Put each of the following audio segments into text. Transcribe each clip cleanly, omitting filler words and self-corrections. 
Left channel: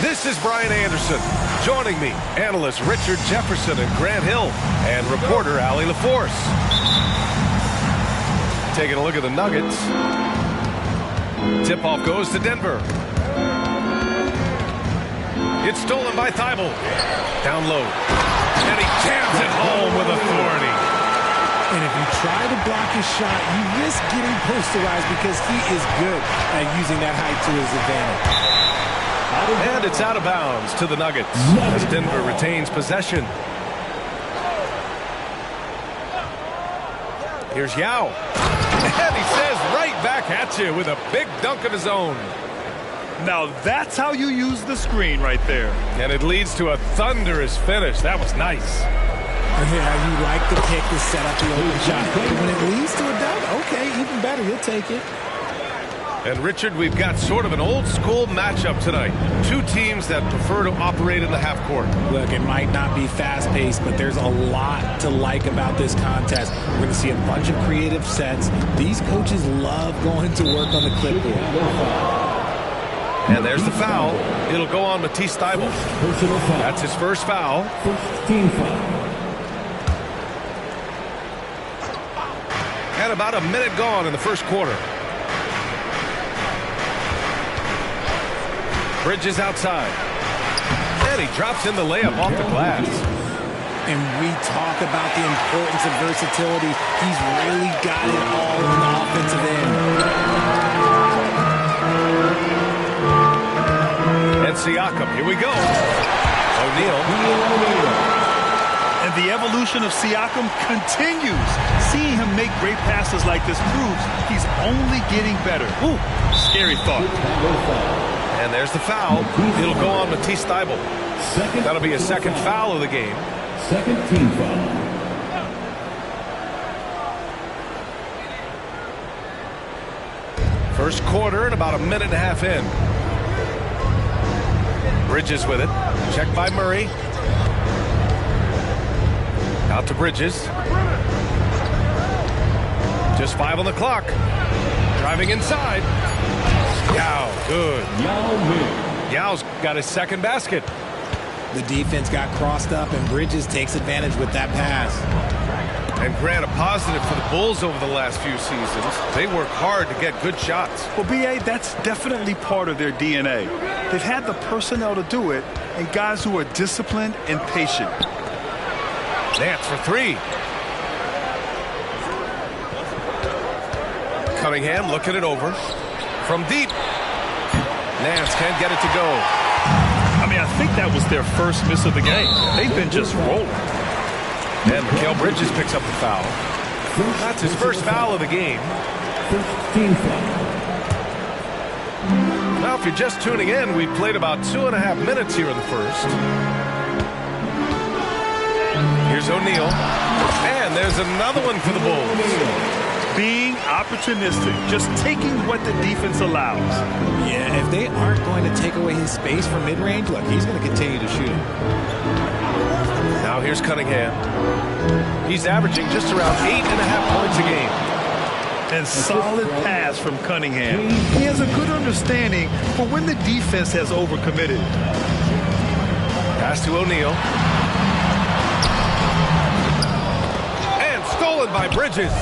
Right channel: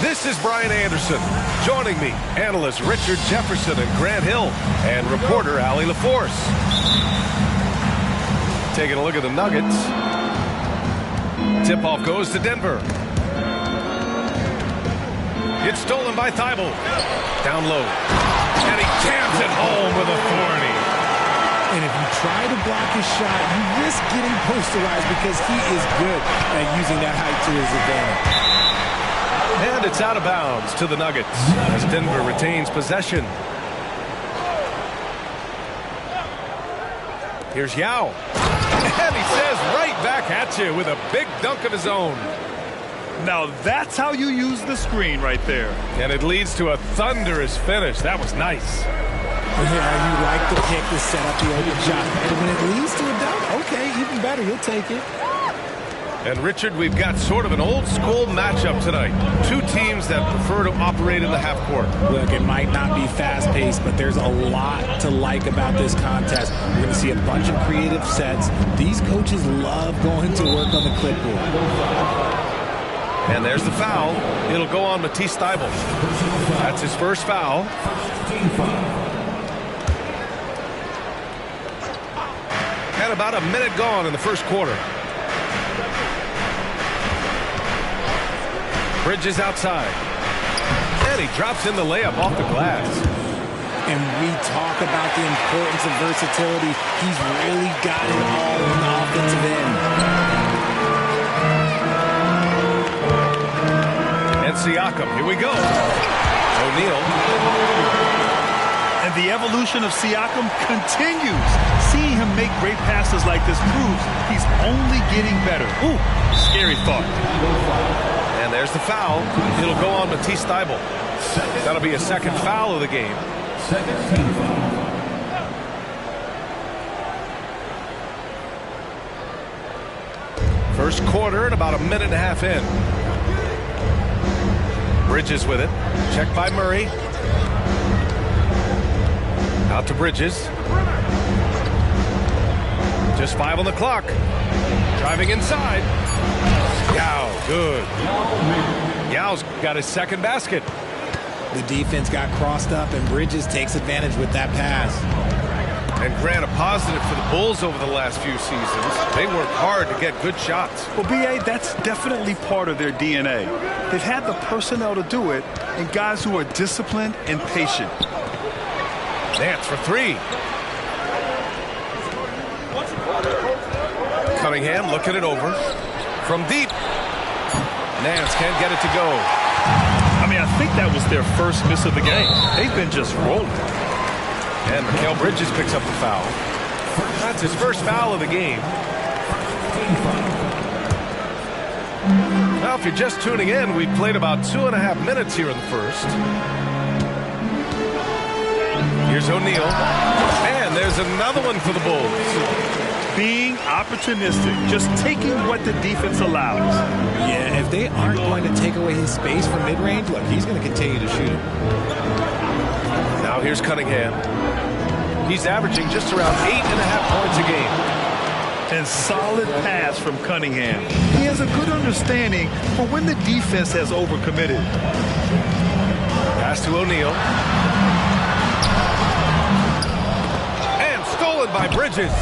This is Brian Anderson. Joining me, analysts Richard Jefferson and Grant Hill, and reporter Allie LaForce. Taking a look at the Nuggets. Tip-off goes to Denver. It's stolen by Thibault. Down low. And he jams it home with authority. And if you try to block his shot, you risk getting posterized because he is good at using that height to his advantage. And it's out of bounds to the Nuggets as Denver retains possession. Here's Yao. And he says right back at you with a big dunk of his own. Now that's how you use the screen right there. And it leads to a thunderous finish. That was nice. Yeah, you like the pick to set up the open shot. But when it leads to a dunk, okay, even better. You'll take it. And Richard, we've got sort of an old school matchup tonight. Two teams that prefer to operate in the half court. Look, it might not be fast-paced, but there's a lot to like about this contest. We're going to see a bunch of creative sets. These coaches love going to work on the clipboard. And there's the foul. It'll go on Matisse Thybulle. That's his first foul. First team foul. And about a minute gone in the first quarter. Bridges outside. And he drops in the layup off the glass. And we talk about the importance of versatility. He's really got it all on the offensive end. And Siakam, here we go. O'Neal. And the evolution of Siakam continues. Seeing him make great passes like this proves he's only getting better. Ooh, scary thought. And there's the foul. It'll go on Matisse Thybulle. That'll be a second foul of the game. Second team foul. First quarter and about a minute and a half in. Bridges with it. Checked by Murray. Out to Bridges. Just 5 on the clock. Driving inside. Yao, good. Yao's got his second basket. The defense got crossed up, and Bridges takes advantage with that pass. And Grant, a positive for the Bulls over the last few seasons. They work hard to get good shots. Well, B.A., that's definitely part of their DNA. They've had the personnel to do it, and guys who are disciplined and patient. Nance for three. Cunningham looking it over. From deep. Nance can't get it to go. I mean, I think that was their first miss of the game. They've been just rolling. And Mikal Bridges picks up the foul. That's his first foul of the game. First team foul. Now, if you're just tuning in, we've played about 2.5 minutes here in the first. Here's O'Neal. And there's another one for the Bulls. Being opportunistic, just taking what the defense allows. Yeah, if they aren't going to take away his space from mid-range, look, he's going to continue to shoot it. Now here's Cunningham. He's averaging just around 8.5 points a game. And solid pass from Cunningham. He has a good understanding for when the defense has overcommitted. Pass to O'Neal. And stolen by Bridges.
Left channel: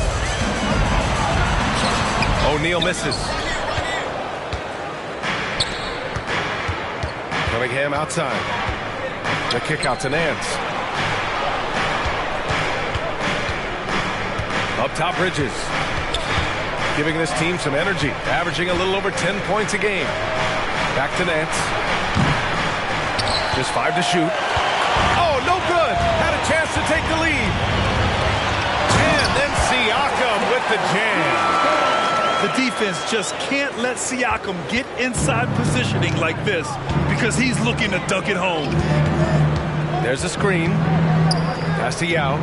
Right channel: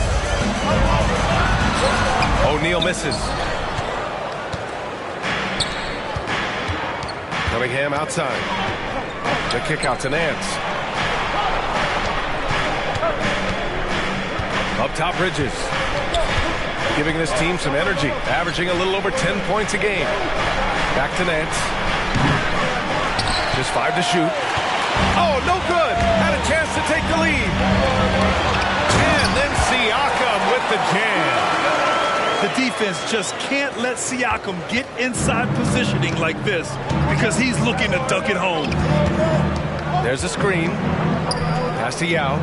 O'Neal misses. Cunningham outside. The kick out to Nance. Up top, Bridges. Giving this team some energy. Averaging a little over 10 points a game. Back to Nance. Just 5 to shoot. Oh, no good. Had a chance to take the lead. And then Siakam with the jam. The defense just can't let Siakam get inside positioning like this because he's looking to dunk it home. There's a screen. Pass to Yao.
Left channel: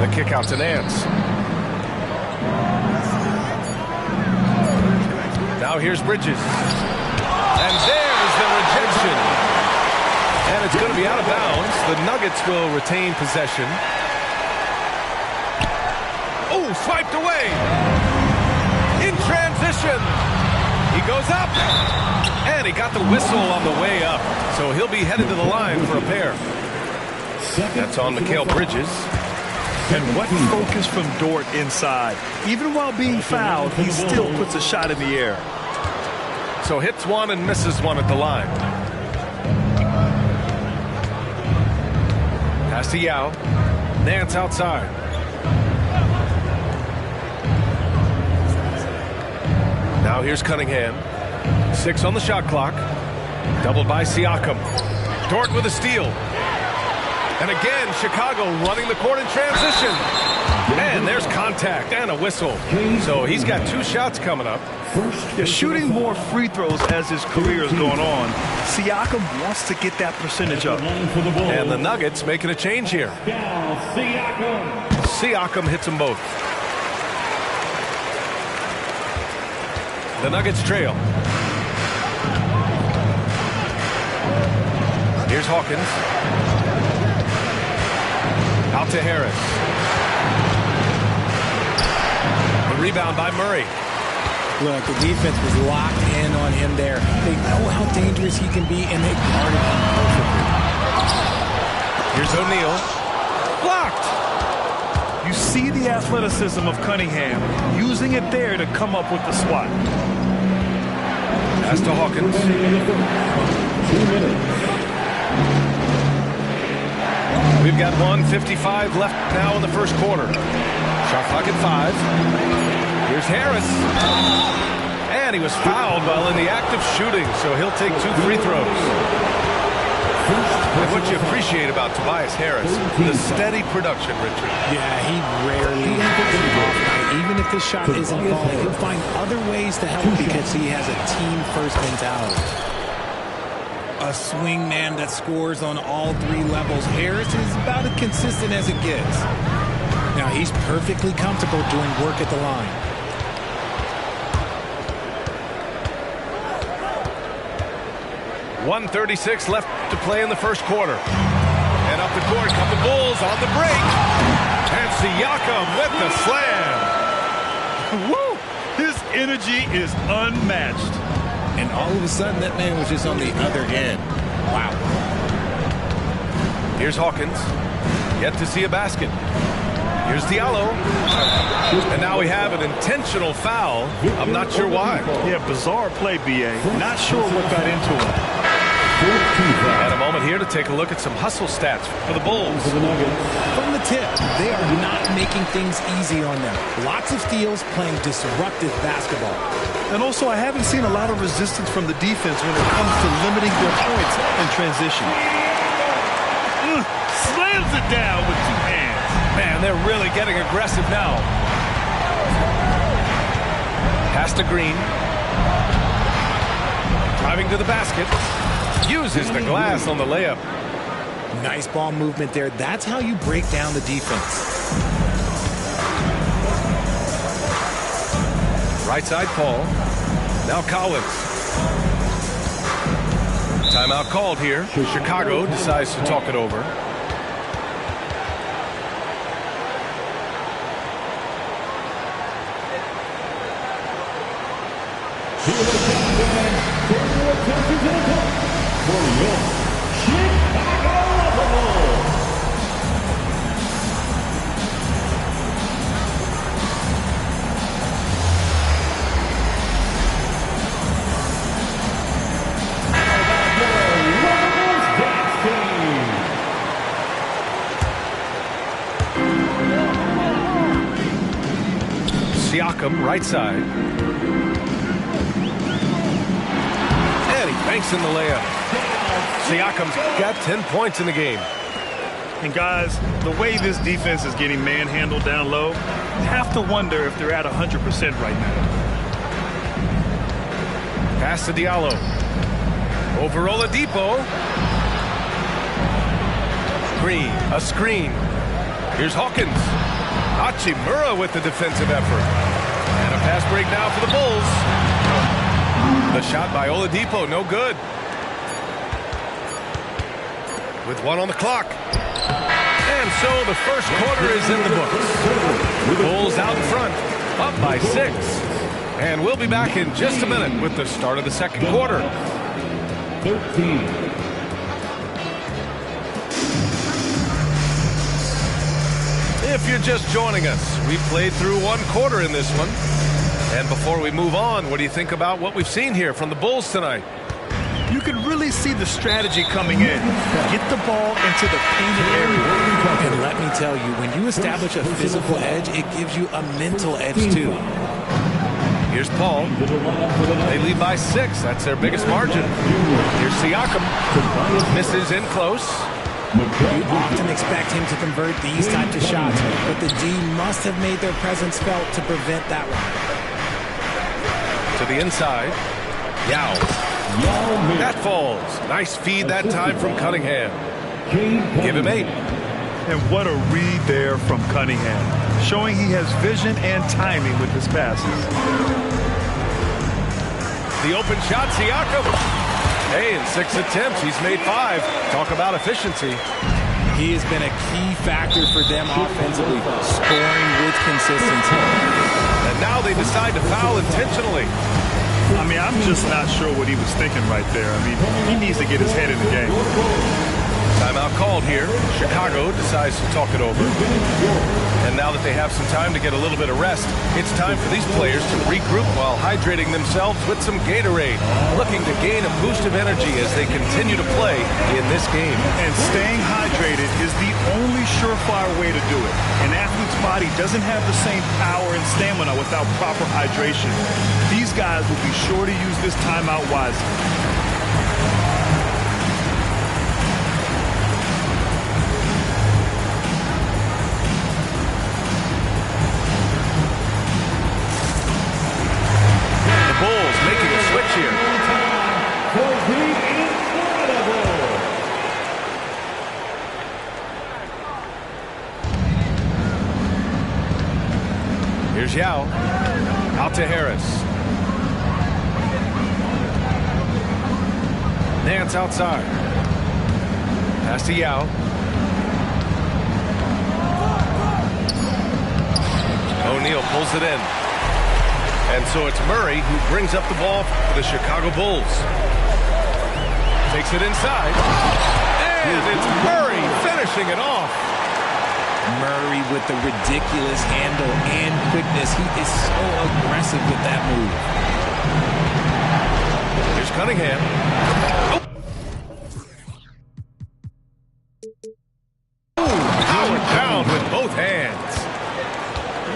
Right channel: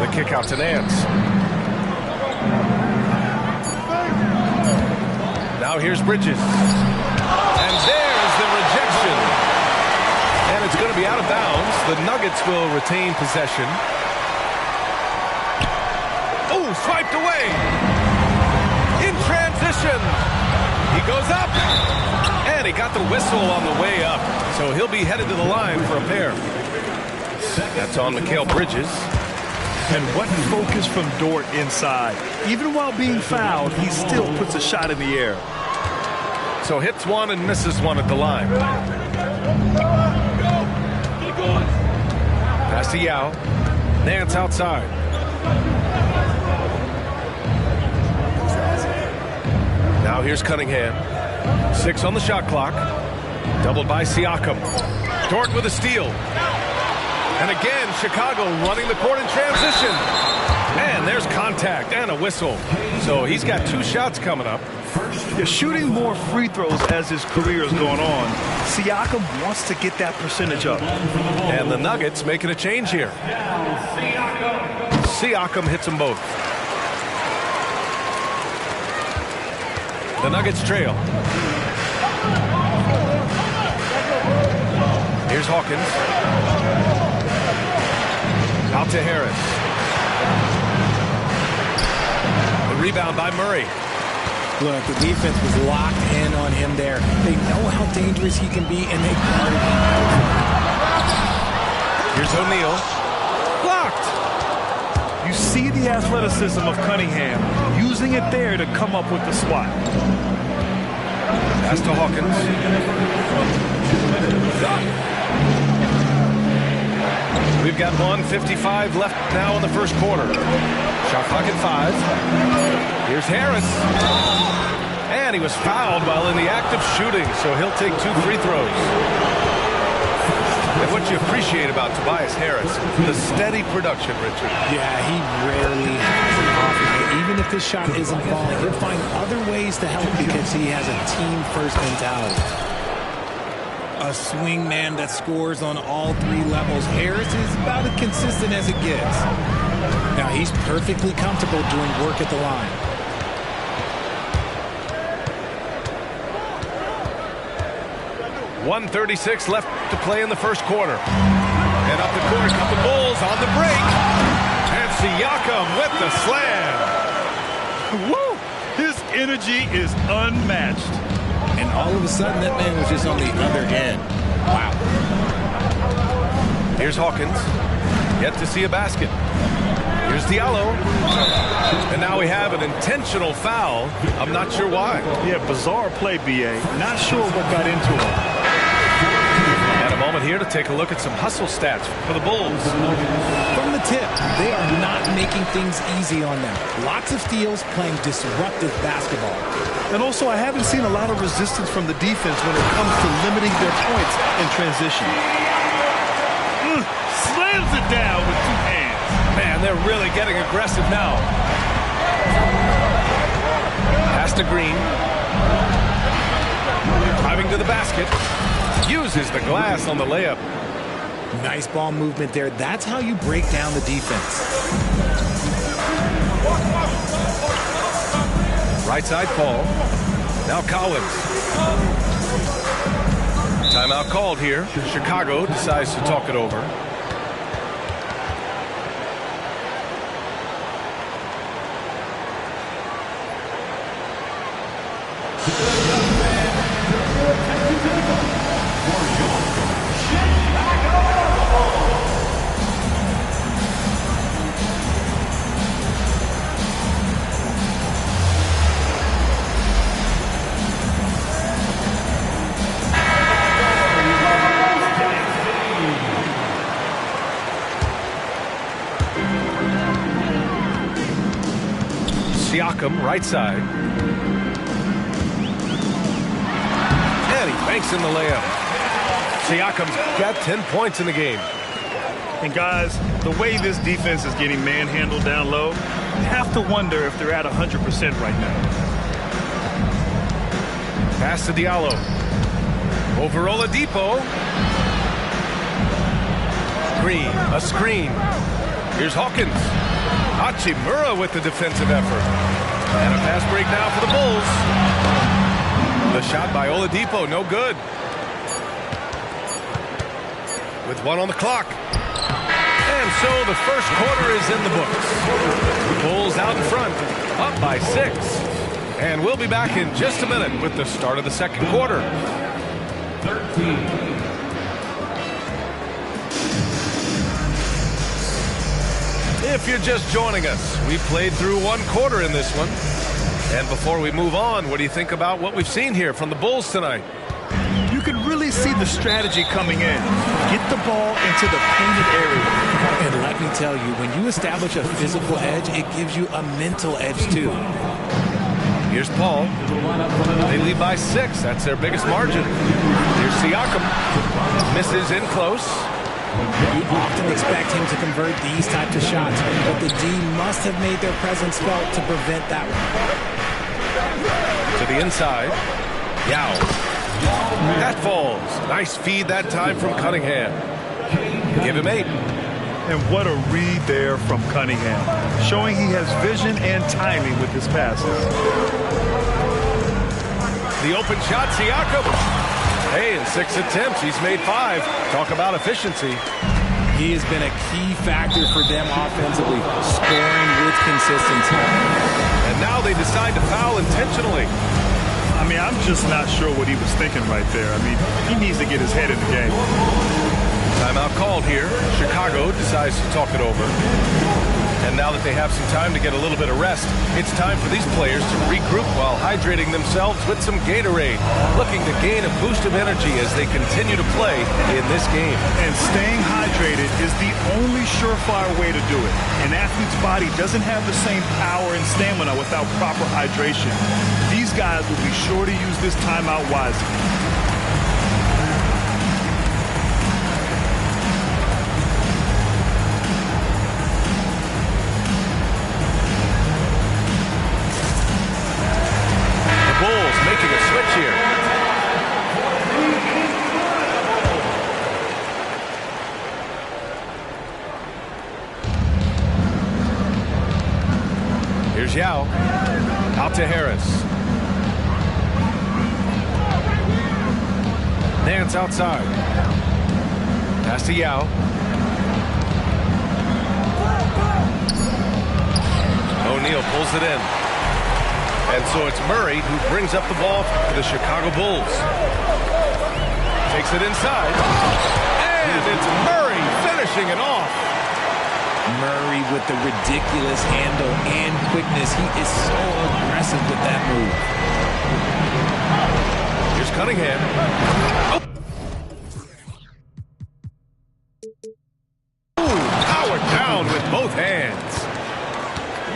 The kick out to Nance. Now here's Bridges. And there's the rejection. And it's going to be out of bounds. The Nuggets will retain possession. Oh, swiped away. In transition. He goes up. And he got the whistle on the way up. So he'll be headed to the line for a pair. That's on Mikal Bridges. And what focus from Dort inside. Even while being fouled, he still puts a shot in the air. So hits one and misses one at the line. Pass to Yao. Nance outside. Now here's Cunningham. 6 on the shot clock. Doubled by Siakam. Dort with a steal. And again, Chicago running the court in transition. And there's contact and a whistle. So he's got 2 shots coming up. They're shooting more free throws as his career is going on. Siakam wants to get that percentage up. And the Nuggets making a change here. Siakam hits them both. The Nuggets trail. Here's Hawkins. Out to Harris. The rebound by Murray. Look, the defense was locked in on him there. They know how dangerous he can be, and they guarded him perfectly. Here's O'Neal. Blocked. You see the athleticism of Cunningham, using it there to come up with the swat. Pass to Hawkins. We've got 1:55 left now in the first quarter. Shot clock at 5. Here's Harris. And he was fouled while in the act of shooting, so he'll take 2 free throws. And what you appreciate about Tobias Harris, the steady production, Richard. Yeah, he rarely has an off night. Even if this shot isn't falling, he'll find other ways to help because he has a team-first mentality. A swing man that scores on all 3 levels. Harris is about as consistent as it gets. Now, he's perfectly comfortable doing work at the line. .136 left to play in the first quarter. And up the court come the Bulls on the break. And Siakam with the slam. Woo! His energy is unmatched. And all of a sudden, that man was just on the other end. Wow. Here's Hawkins. Yet to see a basket. Here's Diallo. And now we have an intentional foul. I'm not sure why. Yeah, bizarre play, B.A. Not sure what got into him. And a moment here to take a look at some hustle stats for the Bulls. From the tip, they are not making things easy on them. Lots of steals, playing disruptive basketball. And also, I haven't seen a lot of resistance from the defense when it comes to limiting their points in transition. Slams it down with 2 hands. Man, they're really getting aggressive now. Pass to Green. Driving to the basket. Uses the glass on the layup. Nice ball movement there. That's how you break down the defense. Right side Paul. Now Collins. Timeout called here. Chicago decides to talk it over. SHAQ, right side. And he banks in the layup. SHAQ's got 10 points in the game. And guys, the way this defense is getting manhandled down low, you have to wonder if they're at 100% right now. Pass to Diallo. Over Oladipo. Green, a screen. Here's Hawkins. Hachimura with the defensive effort. And a pass break now for the Bulls. The shot by Oladipo, no good. With 1 on the clock. And so the first quarter is in the books. Bulls out in front, up by 6. And we'll be back in just a minute with the start of the second quarter. 13. If you're just joining us, we played through 1 quarter in this one. And before we move on, what do you think about what we've seen here from the Bulls tonight? You can really see the strategy coming in. Get the ball into the painted area. And let me tell you, when you establish a physical edge, it gives you a mental edge too. Here's Paul. They lead by 6. That's their biggest margin. Here's SHAQ. Misses in close. You often expect him to convert these types of shots, but the D must have made their presence felt to prevent that one. To the inside. Yao. That falls. Nice feed that time from Cunningham. Give him 8. And what a read there from Cunningham, showing he has vision and timing with his passes. The open shot, SHAQ. Hey, in 6 attempts, he's made 5. Talk about efficiency. He has been a key factor for them offensively, scoring with consistency. And now they decide to foul intentionally. I mean, I'm just not sure what he was thinking right there. I mean, he needs to get his head in the game. Timeout called here. Chicago decides to talk it over. And now that they have some time to get a little bit of rest, it's time for these players to regroup while hydrating themselves with some Gatorade, looking to gain a boost of energy as they continue to play in this game. And staying hydrated is the only surefire way to do it. An athlete's body doesn't have the same power and stamina without proper hydration. These guys will be sure to use this timeout wisely. Bulls making a switch here. Here's Yao. Out to Harris. Nance outside. Pass to Yao. O'Neal pulls it in. And so it's Murray who brings up the ball for the Chicago Bulls. Takes it inside. And it's Murray finishing it off. Murray with the ridiculous handle and quickness. He is so aggressive with that move. Here's Cunningham. Oh, powered down with both hands.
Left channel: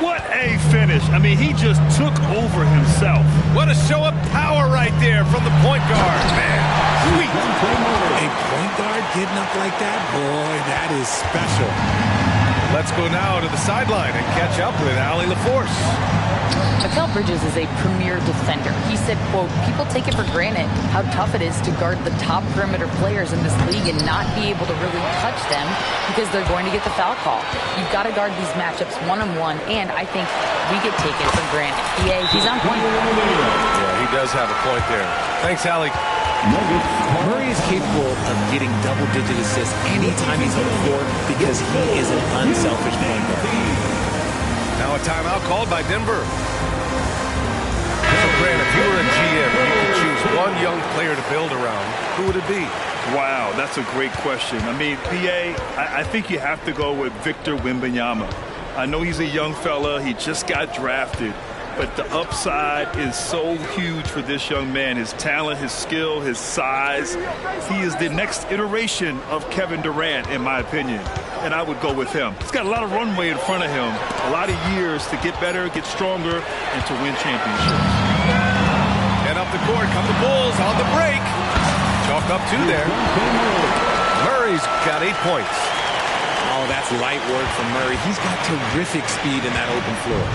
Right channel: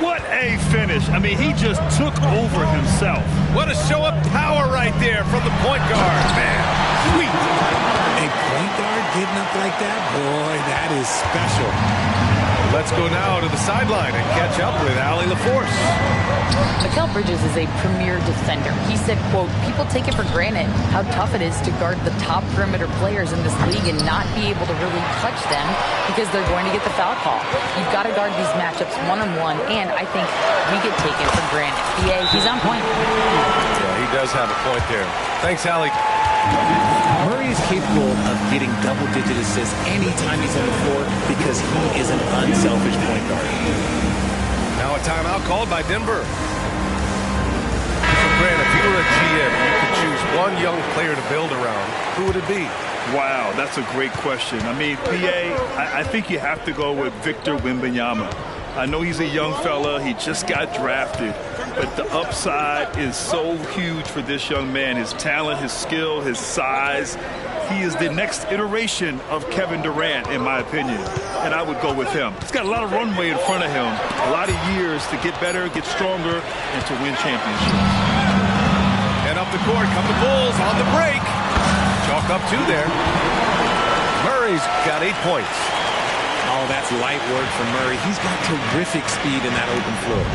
What a finish. I mean, he just took over himself. What a show of power right there from the point guard. Man, sweet. A point guard getting up like that? Boy, that is special. Let's go now to the sideline and catch up with Allie LaForce. Mikal Bridges is a premier defender. He said, quote, people take it for granted how tough it is to guard the top perimeter players in this league and not be able to really touch them because they're going to get the foul call. You've got to guard these matchups one-on-one, and I think we get taken for granted. BA, he's on point. Yeah, he does have a point there. Thanks, Allie. Murray is capable of getting double-digit assists anytime he's on the floor because he is an unselfish point guard. Now a timeout called by Denver. So, Grant, if you were a GM and you could choose one young player to build around, who would it be? Wow, that's a great question. I mean, PA, I think you have to go with Victor Wembanyama. I know he's a young fella. He just got drafted. But the upside is so huge for this young man. His talent, his skill, his size. He is the next iteration of Kevin Durant, in my opinion. And I would go with him. He's got a lot of runway in front of him. A lot of years to get better, get stronger, and to win championships. And up the court come the Bulls on the break. Chalk up 2 there. Murray's got 8 points. Oh, that's light work from Murray. He's got terrific speed in that open floor.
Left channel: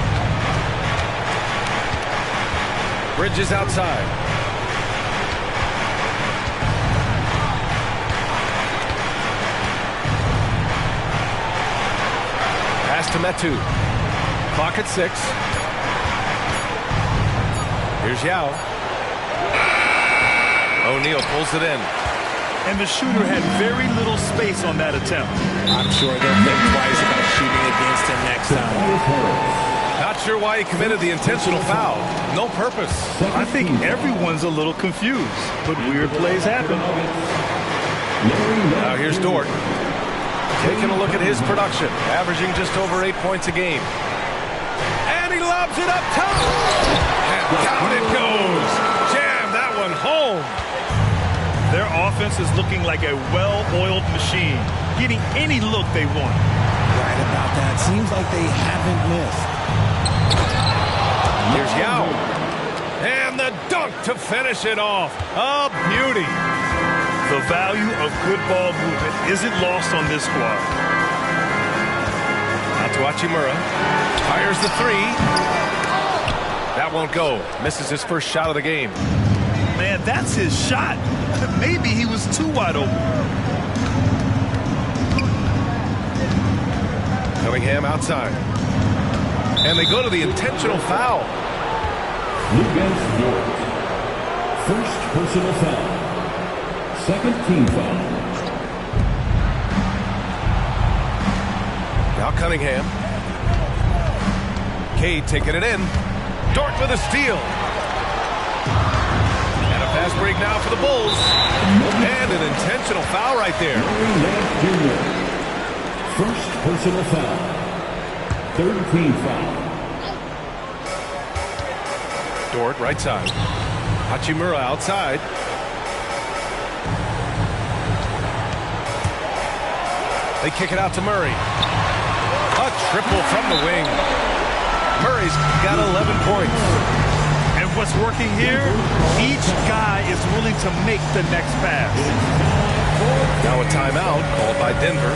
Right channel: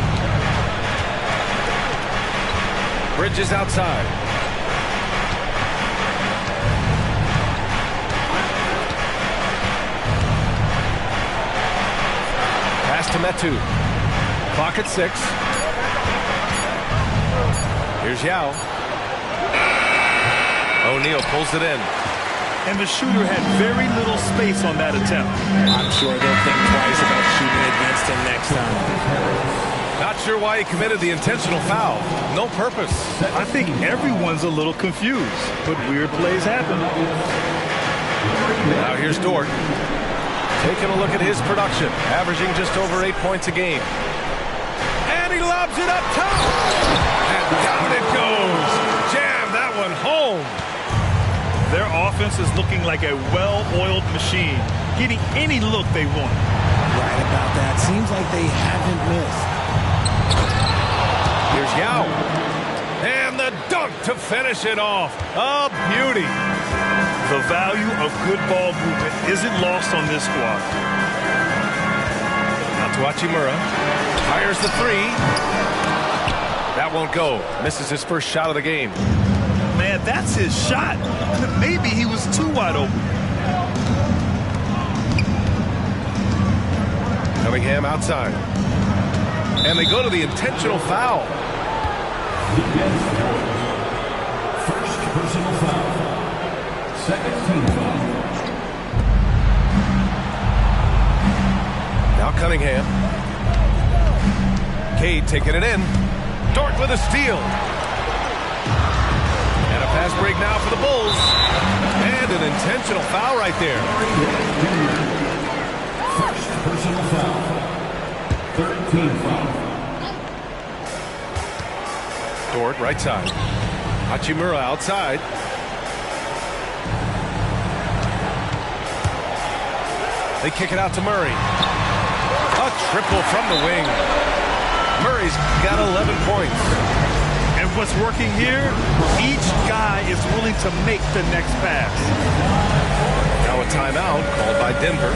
Bridges outside. Pass to Metu. Clock at 6. Here's Yao. O'Neal pulls it in. And the shooter had very little space on that attempt. I'm sure they'll think twice about shooting against him next time. Not sure why he committed the intentional foul. No purpose. I think everyone's a little confused, but weird plays happen. Now here's Dort. Taking a look at his production, averaging just over 8 points a game. And he lobs it up top. And down it goes. Jam that one home. Their offense is looking like a well-oiled machine, getting any look they want. Right about that. Seems like they haven't missed. Here's Yao. And the dunk to finish it off. A beauty. The value of good ball movement isn't lost on this squad. Now to Hachimura. Fires the 3. That won't go. Misses his first shot of the game. Man, that's his shot. Maybe he was too wide open. Cunningham outside. And they go to the intentional foul. Against Dort. First personal foul. Second team foul. Now Cunningham. Cade taking it in. Dort with a steal. And a fast break now for the Bulls. And an intentional foul right there. First personal foul. Third team foul. Dort right side. Hachimura outside. They kick it out to Murray. A triple from the wing. Murray's got 11 points. And what's working here, each guy is willing to make the next pass. Now a timeout called by Denver.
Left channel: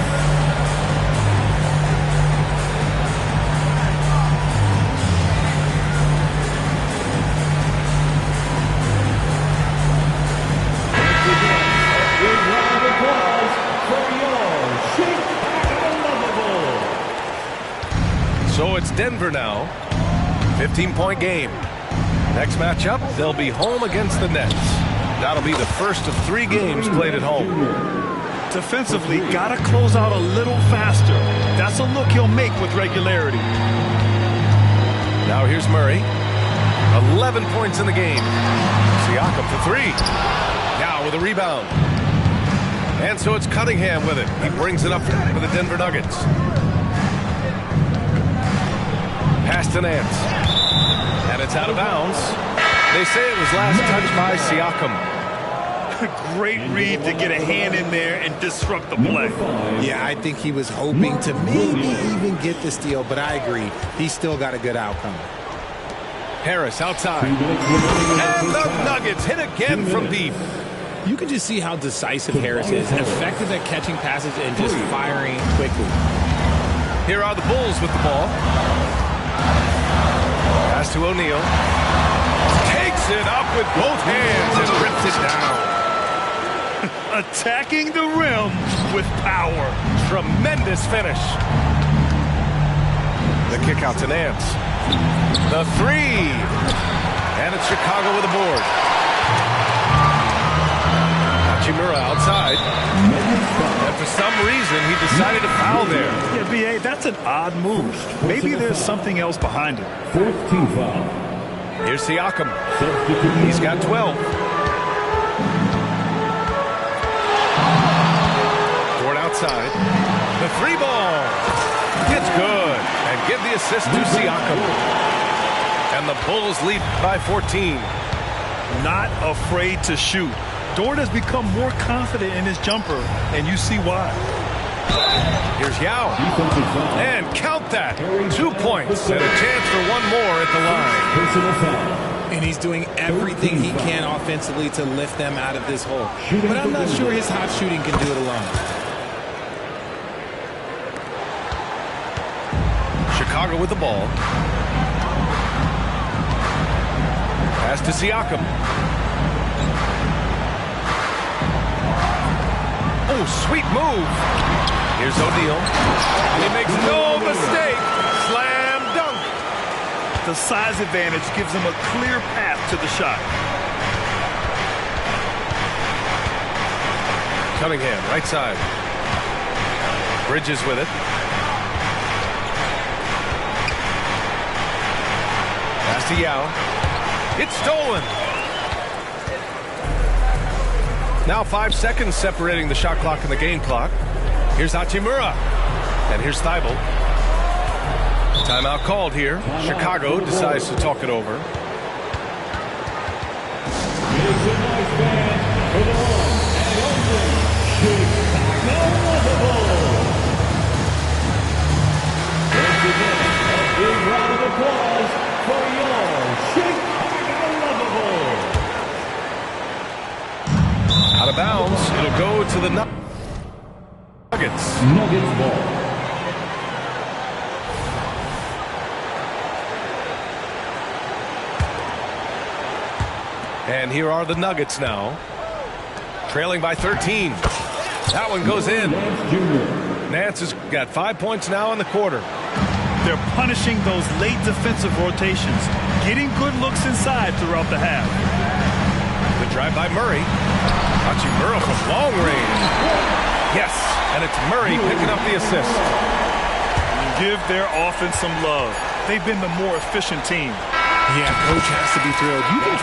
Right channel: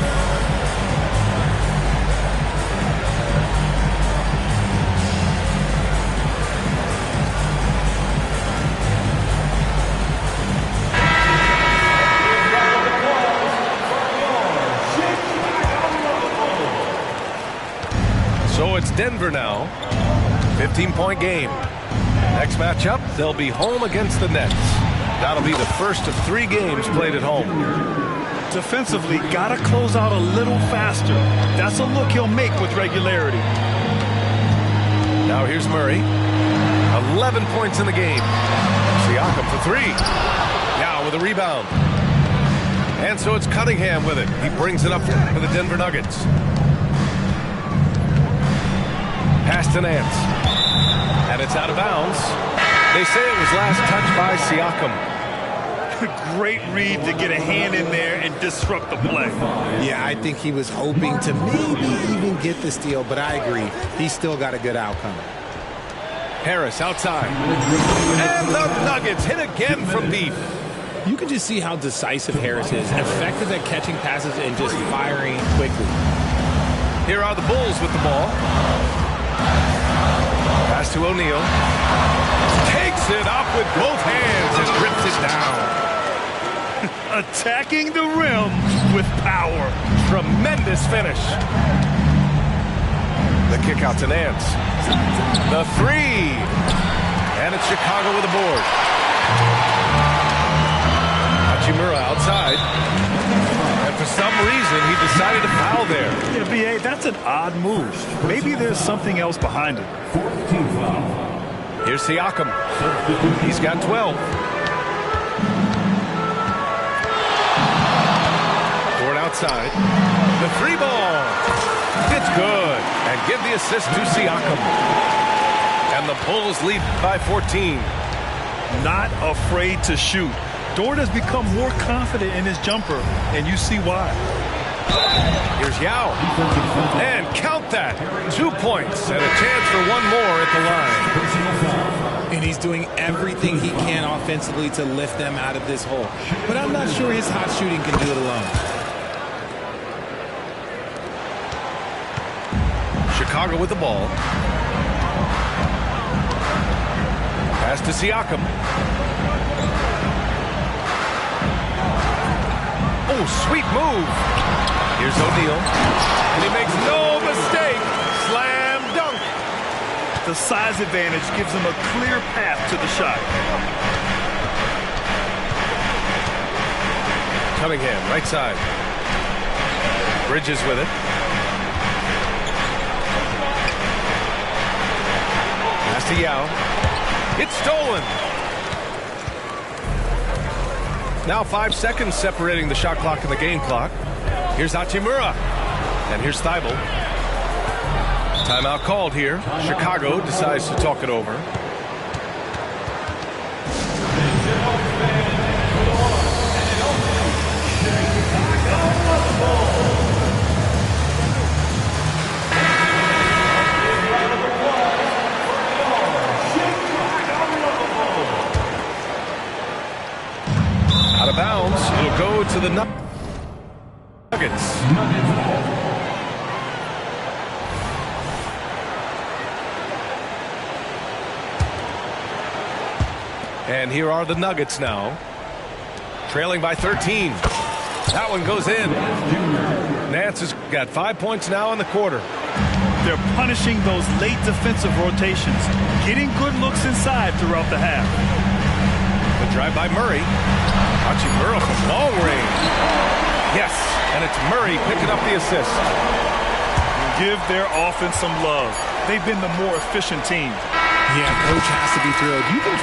So it's Denver now. 15-point game. Next matchup, they'll be home against the Nets. That'll be the first of 3 games played at home. Defensively, got to close out a little faster. That's a look he'll make with regularity. Now here's Murray. 11 points in the game. Siakam for 3. Now with a rebound. And so it's Cunningham with it. He brings it up for the Denver Nuggets. Pass to Nance. And it's out of bounds. They say it was last touched by Siakam. Great read to get a hand in there and disrupt the play. Yeah, I think he was hoping to maybe even get the steal, but I agree. He still got a good outcome. Harris outside. And the Nuggets hit again from deep. You can just see how decisive Harris is. Effective at catching passes and just firing quickly. Here are the Bulls with the ball. Pass to O'Neal. Takes it up with both hands and rips it down. Attacking the rim with power. Tremendous finish. The kick out to Nance. The three. And it's Chicago with a board. Hachimura outside. And for some reason, he decided to foul there. Yeah, B.A., that's an odd move. Maybe there's something else behind it. Fourth team foul. Here's Siakam. He's got 12. Dort outside. The three ball. It's good. And give the assist to Siakam. And the Bulls lead by 14. Not afraid to shoot. Dort has become more confident in his jumper, and you see why. Here's Yao. And count that. 2 points and a chance for one more at the line. Personal foul. And he's doing everything he can offensively to lift them out of this hole. But I'm not sure his hot shooting can do it alone. Chicago with the ball. Pass to Siakam. Oh, sweet move. Here's O'Neal. And he makes no mistake. Slam dunk. The size advantage gives him a clear path to the shot. Cunningham, right side. Bridges with it. Pass to Yao. It's stolen. Now 5 seconds separating the shot clock and the game clock. Here's Hachimura. And here's Thibault. Timeout called here. Chicago decides to talk it over. Out of bounds. It'll go to the Nuggets. Nuggets ball. And here are the Nuggets now. Trailing by 13. That one goes in. Nance has got 5 points now in the quarter. They're punishing those late defensive rotations, getting good looks inside throughout the half. The drive by Murray. Hachimura from long range. Yes, and it's Murray picking up the assist. Give their offense some love. They've been the more efficient team. Yeah, coach has to be thrilled. You can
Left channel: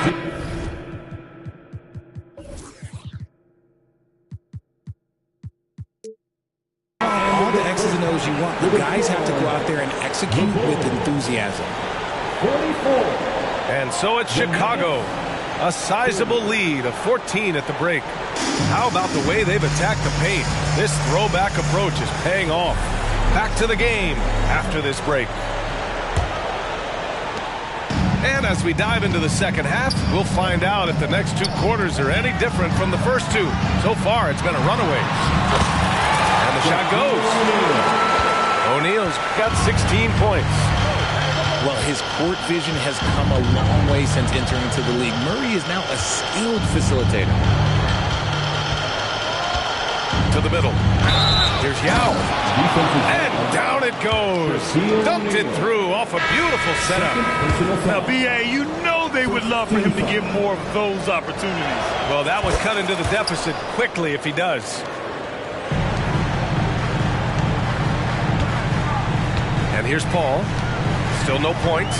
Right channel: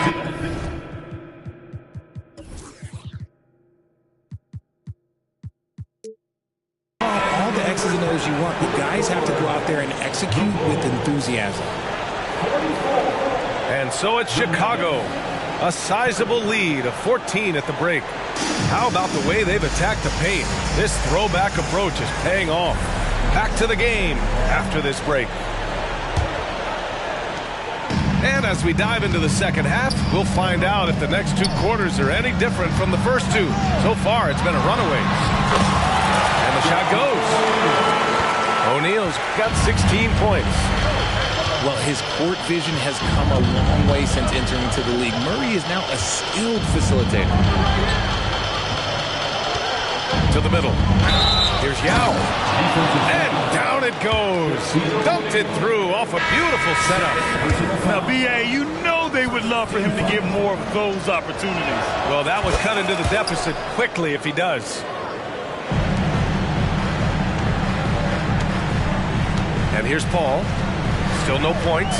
all the X's and O's you want, but guys have to go out there and execute with enthusiasm. 44. And so it's Chicago. A sizable lead of 14 at the break. How about the way they've attacked the paint? This throwback approach is paying off. Back to the game after this break. And as we dive into the second half, we'll find out if the next 2 quarters are any different from the first 2. So far, it's been a runaway. And the shot goes. O'Neal's got 16 points. Well, his court vision has come a long way since entering into the league. Murray is now a skilled facilitator. To the middle. Here's Yao. And down it goes. Dunked it through off a beautiful setup. Now, B.A., you know they would love for him to get more of those opportunities. Well, that would cut into the deficit quickly if he does. And here's Paul. Still no points.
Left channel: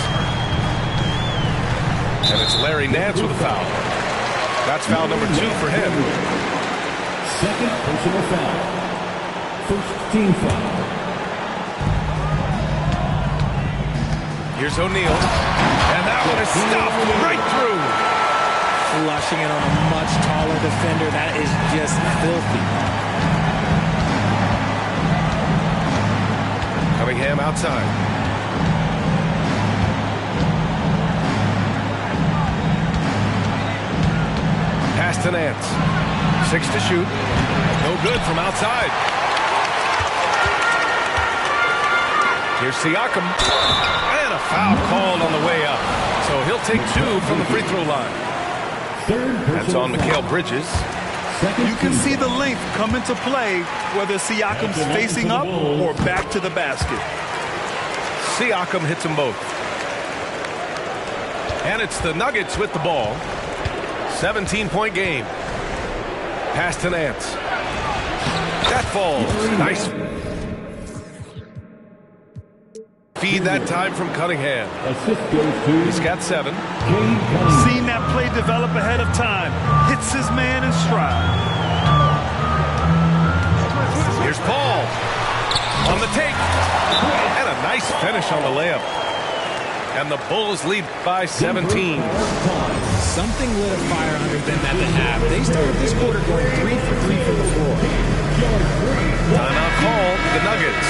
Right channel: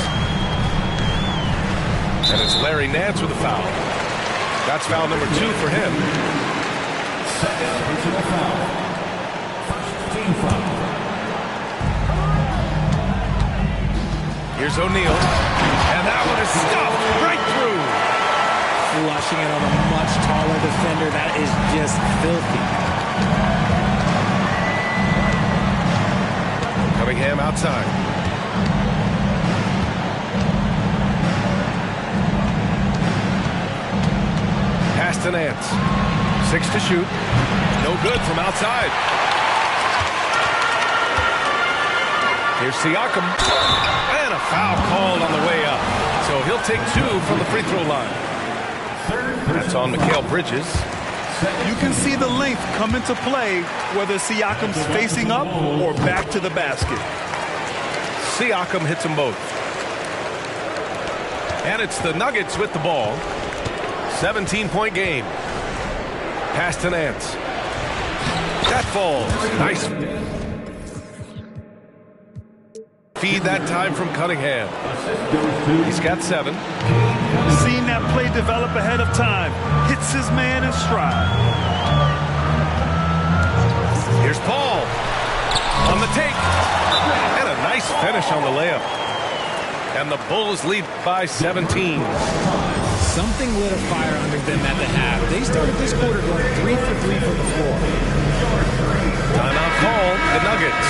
And it's Larry Nance with a foul. That's foul number 2 for him. Second personal foul. First team foul. Here's O'Neal. And that one is stuffed right through. Flushing it on a much taller defender. That is just filthy. Cunningham outside. Pass to Nance. 6 to shoot. No good from outside. Here's Siakam. And a foul called on the way up. So he'll take 2 from the free throw line. That's on Mikal Bridges. You can see the length come into play, whether Siakam's facing up or back to the basket. Siakam hits them both. And it's the Nuggets with the ball. 17-point game. Pass to Nance. That falls. Nice. Feed that time from Cunningham. He's got 7. Seen that play develop ahead of time. Hits his man in stride. Here's Paul on the take. And a nice finish on the layup. And the Bulls lead by 17. Something lit a fire under them at the half. They started this quarter going 3 for 3 from the floor. Timeout called, the Nuggets.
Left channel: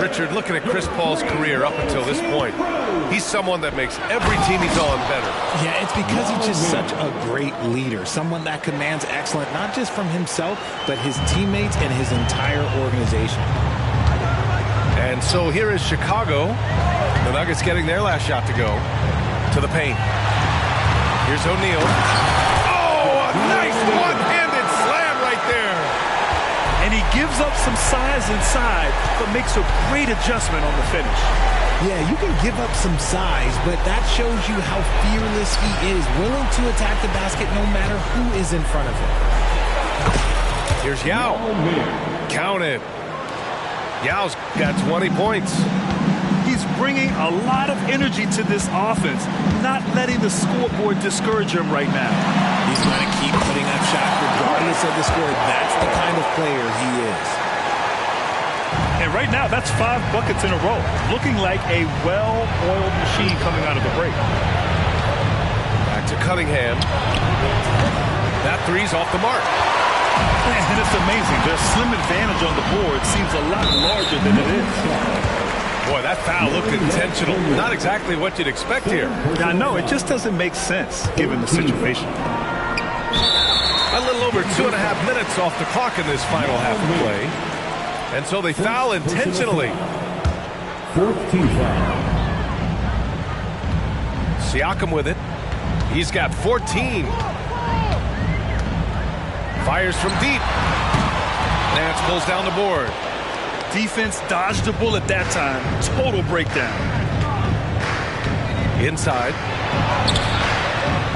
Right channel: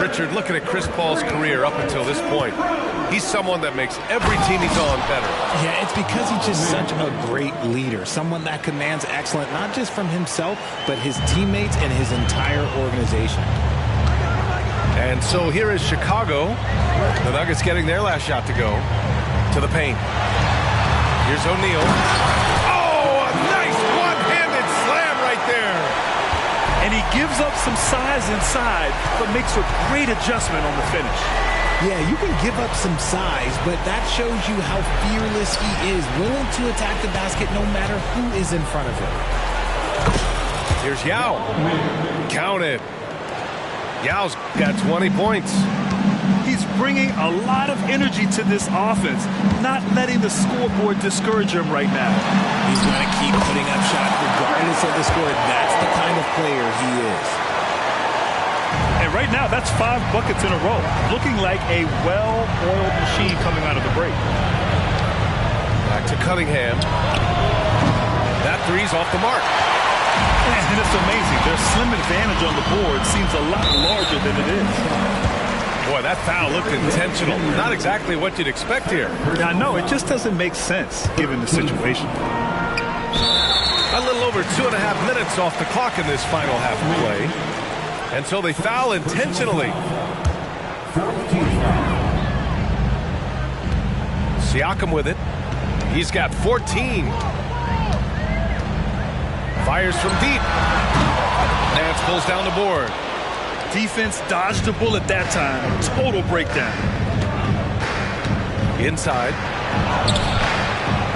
Richard, looking at Chris Paul's career up until this point, he's someone that makes every team he's on better. Yeah, it's because he's just such a great leader, someone that commands excellence, not just from himself, but his teammates and his entire organization. And so here is Chicago. The Nuggets getting their last shot to go to the paint. Here's O'Neal. Oh, a nice one-handed slam right there. And he gives up some size inside, but makes a great adjustment on the finish. Yeah, you can give up some size, but that shows you how fearless he is, willing to attack the basket no matter who is in front of him. Here's Yao. Count it. Yao's got 20 points. He's bringing a lot of energy to this offense, not letting the scoreboard discourage him right now. He's going to keep putting up shots regardless of the score. That's the kind of player he is. And right now, that's 5 buckets in a row, looking like a well-oiled machine coming out of the break. Back to Cunningham. That three's off the mark. And it's amazing. Their slim advantage on the board seems a lot larger than it is. Boy, that foul looked intentional. Not exactly what you'd expect here. I know, it just doesn't make sense given the situation. A little over 2.5 minutes off the clock in this final half of play. And so they foul intentionally. Siakam with it. He's got 14. Fires from deep. Nance pulls down the board. Defense dodged the bullet that time. Total breakdown. Inside.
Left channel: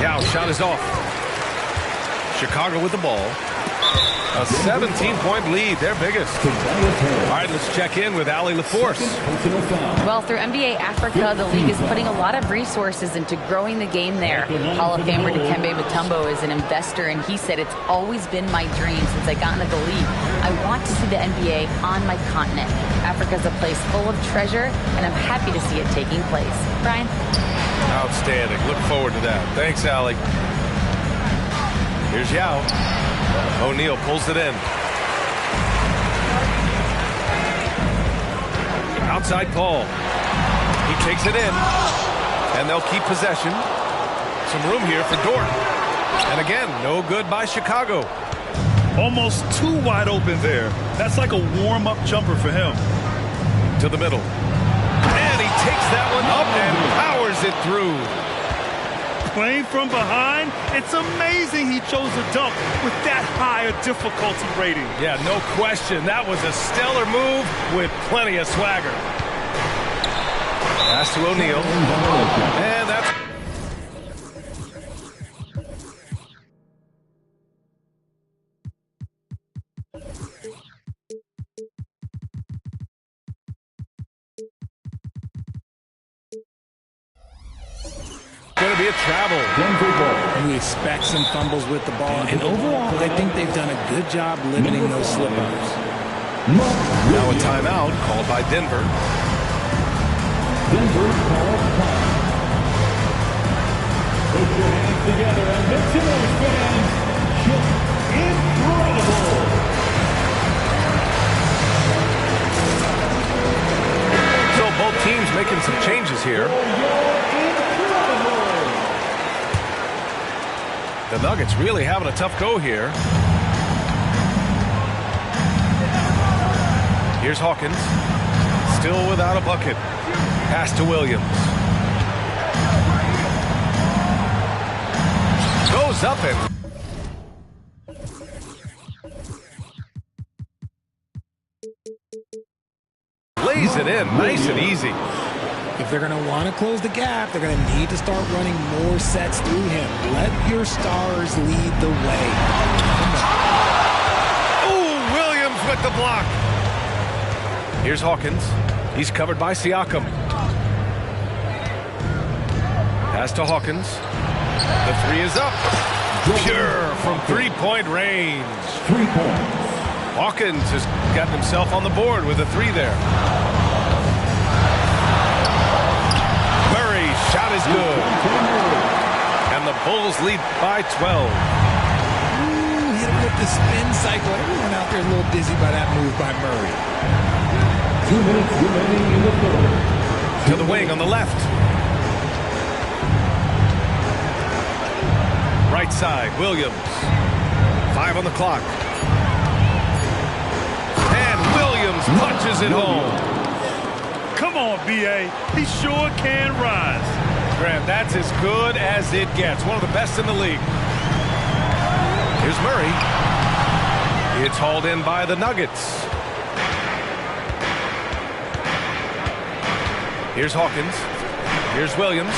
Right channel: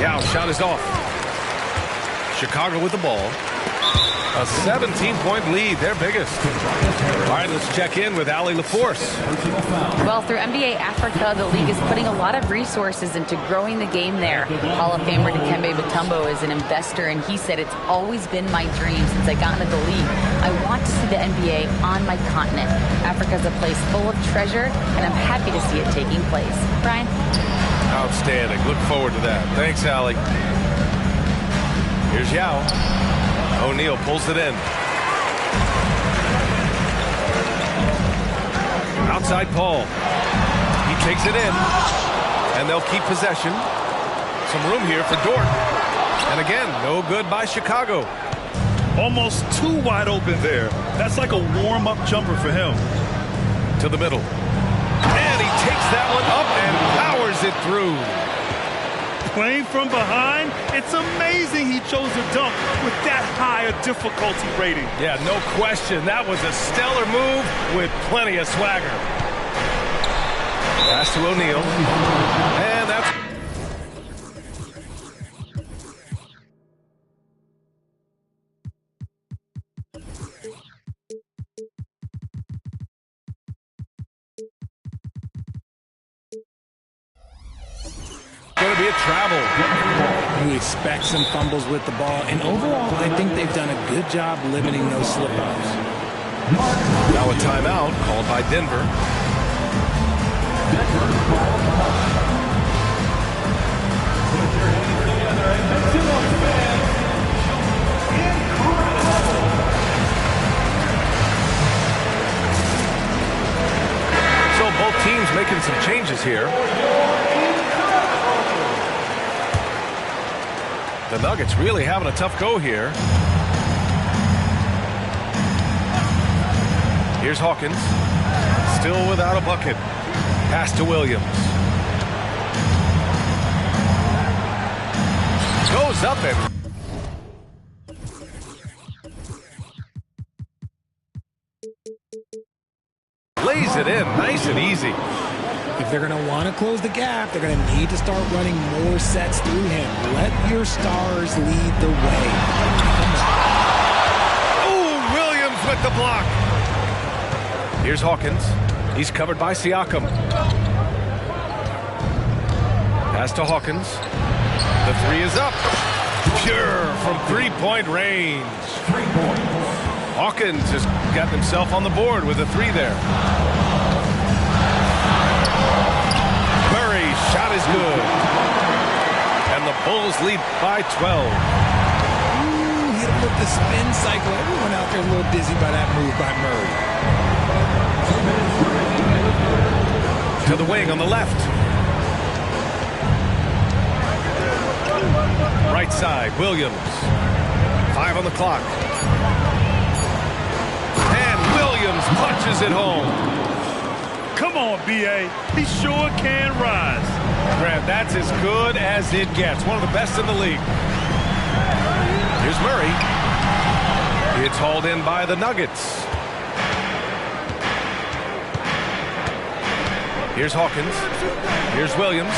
Yao shot is off. Chicago with the ball. A 17-point lead, their biggest. All right, let's check in with Allie LaForce. Well, through NBA Africa, the league is putting a lot of resources into growing the game there. Hall of Famer Dikembe Mutombo is an investor, and he said, "It's always been my dream since I got into the league. I want to see the NBA on my continent. Africa's a place full of treasure, and I'm happy to see it taking place." Brian? Outstanding. Look forward to that. Thanks, Allie. Here's Yao. O'Neal pulls it in. Outside Paul. He takes it in. And they'll keep possession. Some room here for Dort. And again, no good by Chicago. Almost too wide open there. That's like a warm-up jumper for him. To the middle. And he takes that one up and powers it through. Playing from behind, it's amazing he chose a dunk with that high a difficulty rating. Yeah, no question. That was a stellar move with plenty of swagger. Pass to O'Neal. And that's... going to be a travel. You expect some fumbles with the ball, and overall, I think they've done a good job limiting those slip-ups. Now a timeout called by Denver. Denver calls time. Put your hands together and make some noise, fans. Incredible. So both teams making some changes here. The Nuggets really having a tough go here. Here's Hawkins. Still without a bucket. Pass to Williams. Goes up and lays it in nice and easy. If they're going to want to close the gap, they're going to need to start running more sets through him. Let your stars lead the way. Come on. Oh, Williams with the block. Here's Hawkins. He's covered by Siakam. Pass to Hawkins. The three is up. Pure from three-point range. 3 points. Hawkins has gotten himself on the board with a three there. Murray's shot is good. And the Bulls lead by 12. Ooh, hit him with the spin cycle. Everyone out there is a little dizzy by that move by Murray. 2 minutes remaining in the third. To the wing on the left. Right side, Williams. 5 on the clock. And Williams punches it home. Come on, B.A. He sure can rise. Grant, that's as good as it gets. One of the best in the league. Here's Murray. It's hauled in by the Nuggets. Here's Hawkins. Here's Williams.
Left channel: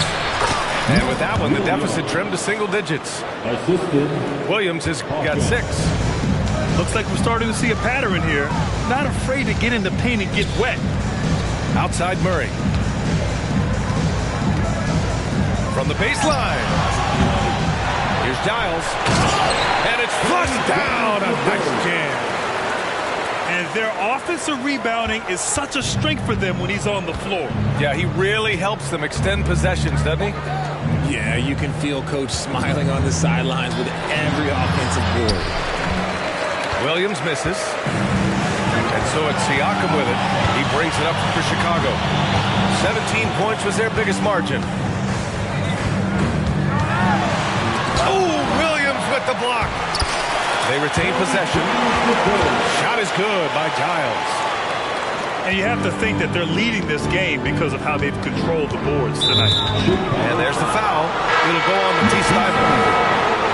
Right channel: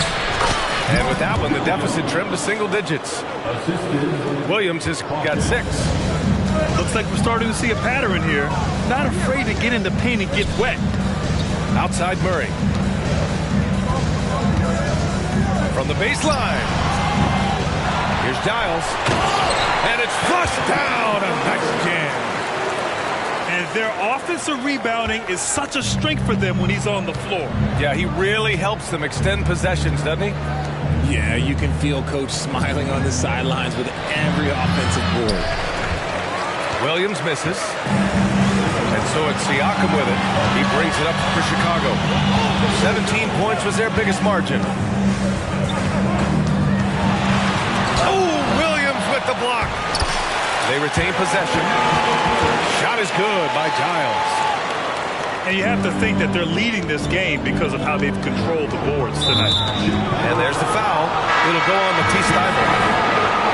And with that one, the deficit trimmed to single digits. Assisted. Williams has got 6. Looks like we're starting to see a pattern here. Not afraid to get in the paint and get wet. Outside Murray. From the baseline. Here's Giles. And it's flushed down. A nice jam. And their offensive rebounding is such a strength for them when he's on the floor. Yeah, he really helps them extend possessions, doesn't he? Yeah, you can feel Coach smiling on the sidelines with every offensive board. Williams misses. And so it's Siakam with it. He brings it up for Chicago. 17 points was their biggest margin. Oh, Williams with the block. They retain possession. Shot is good by Giles. And you have to think that they're leading this game because of how they've controlled the boards tonight. And there's the foul. It'll go on Matisse Thybulle.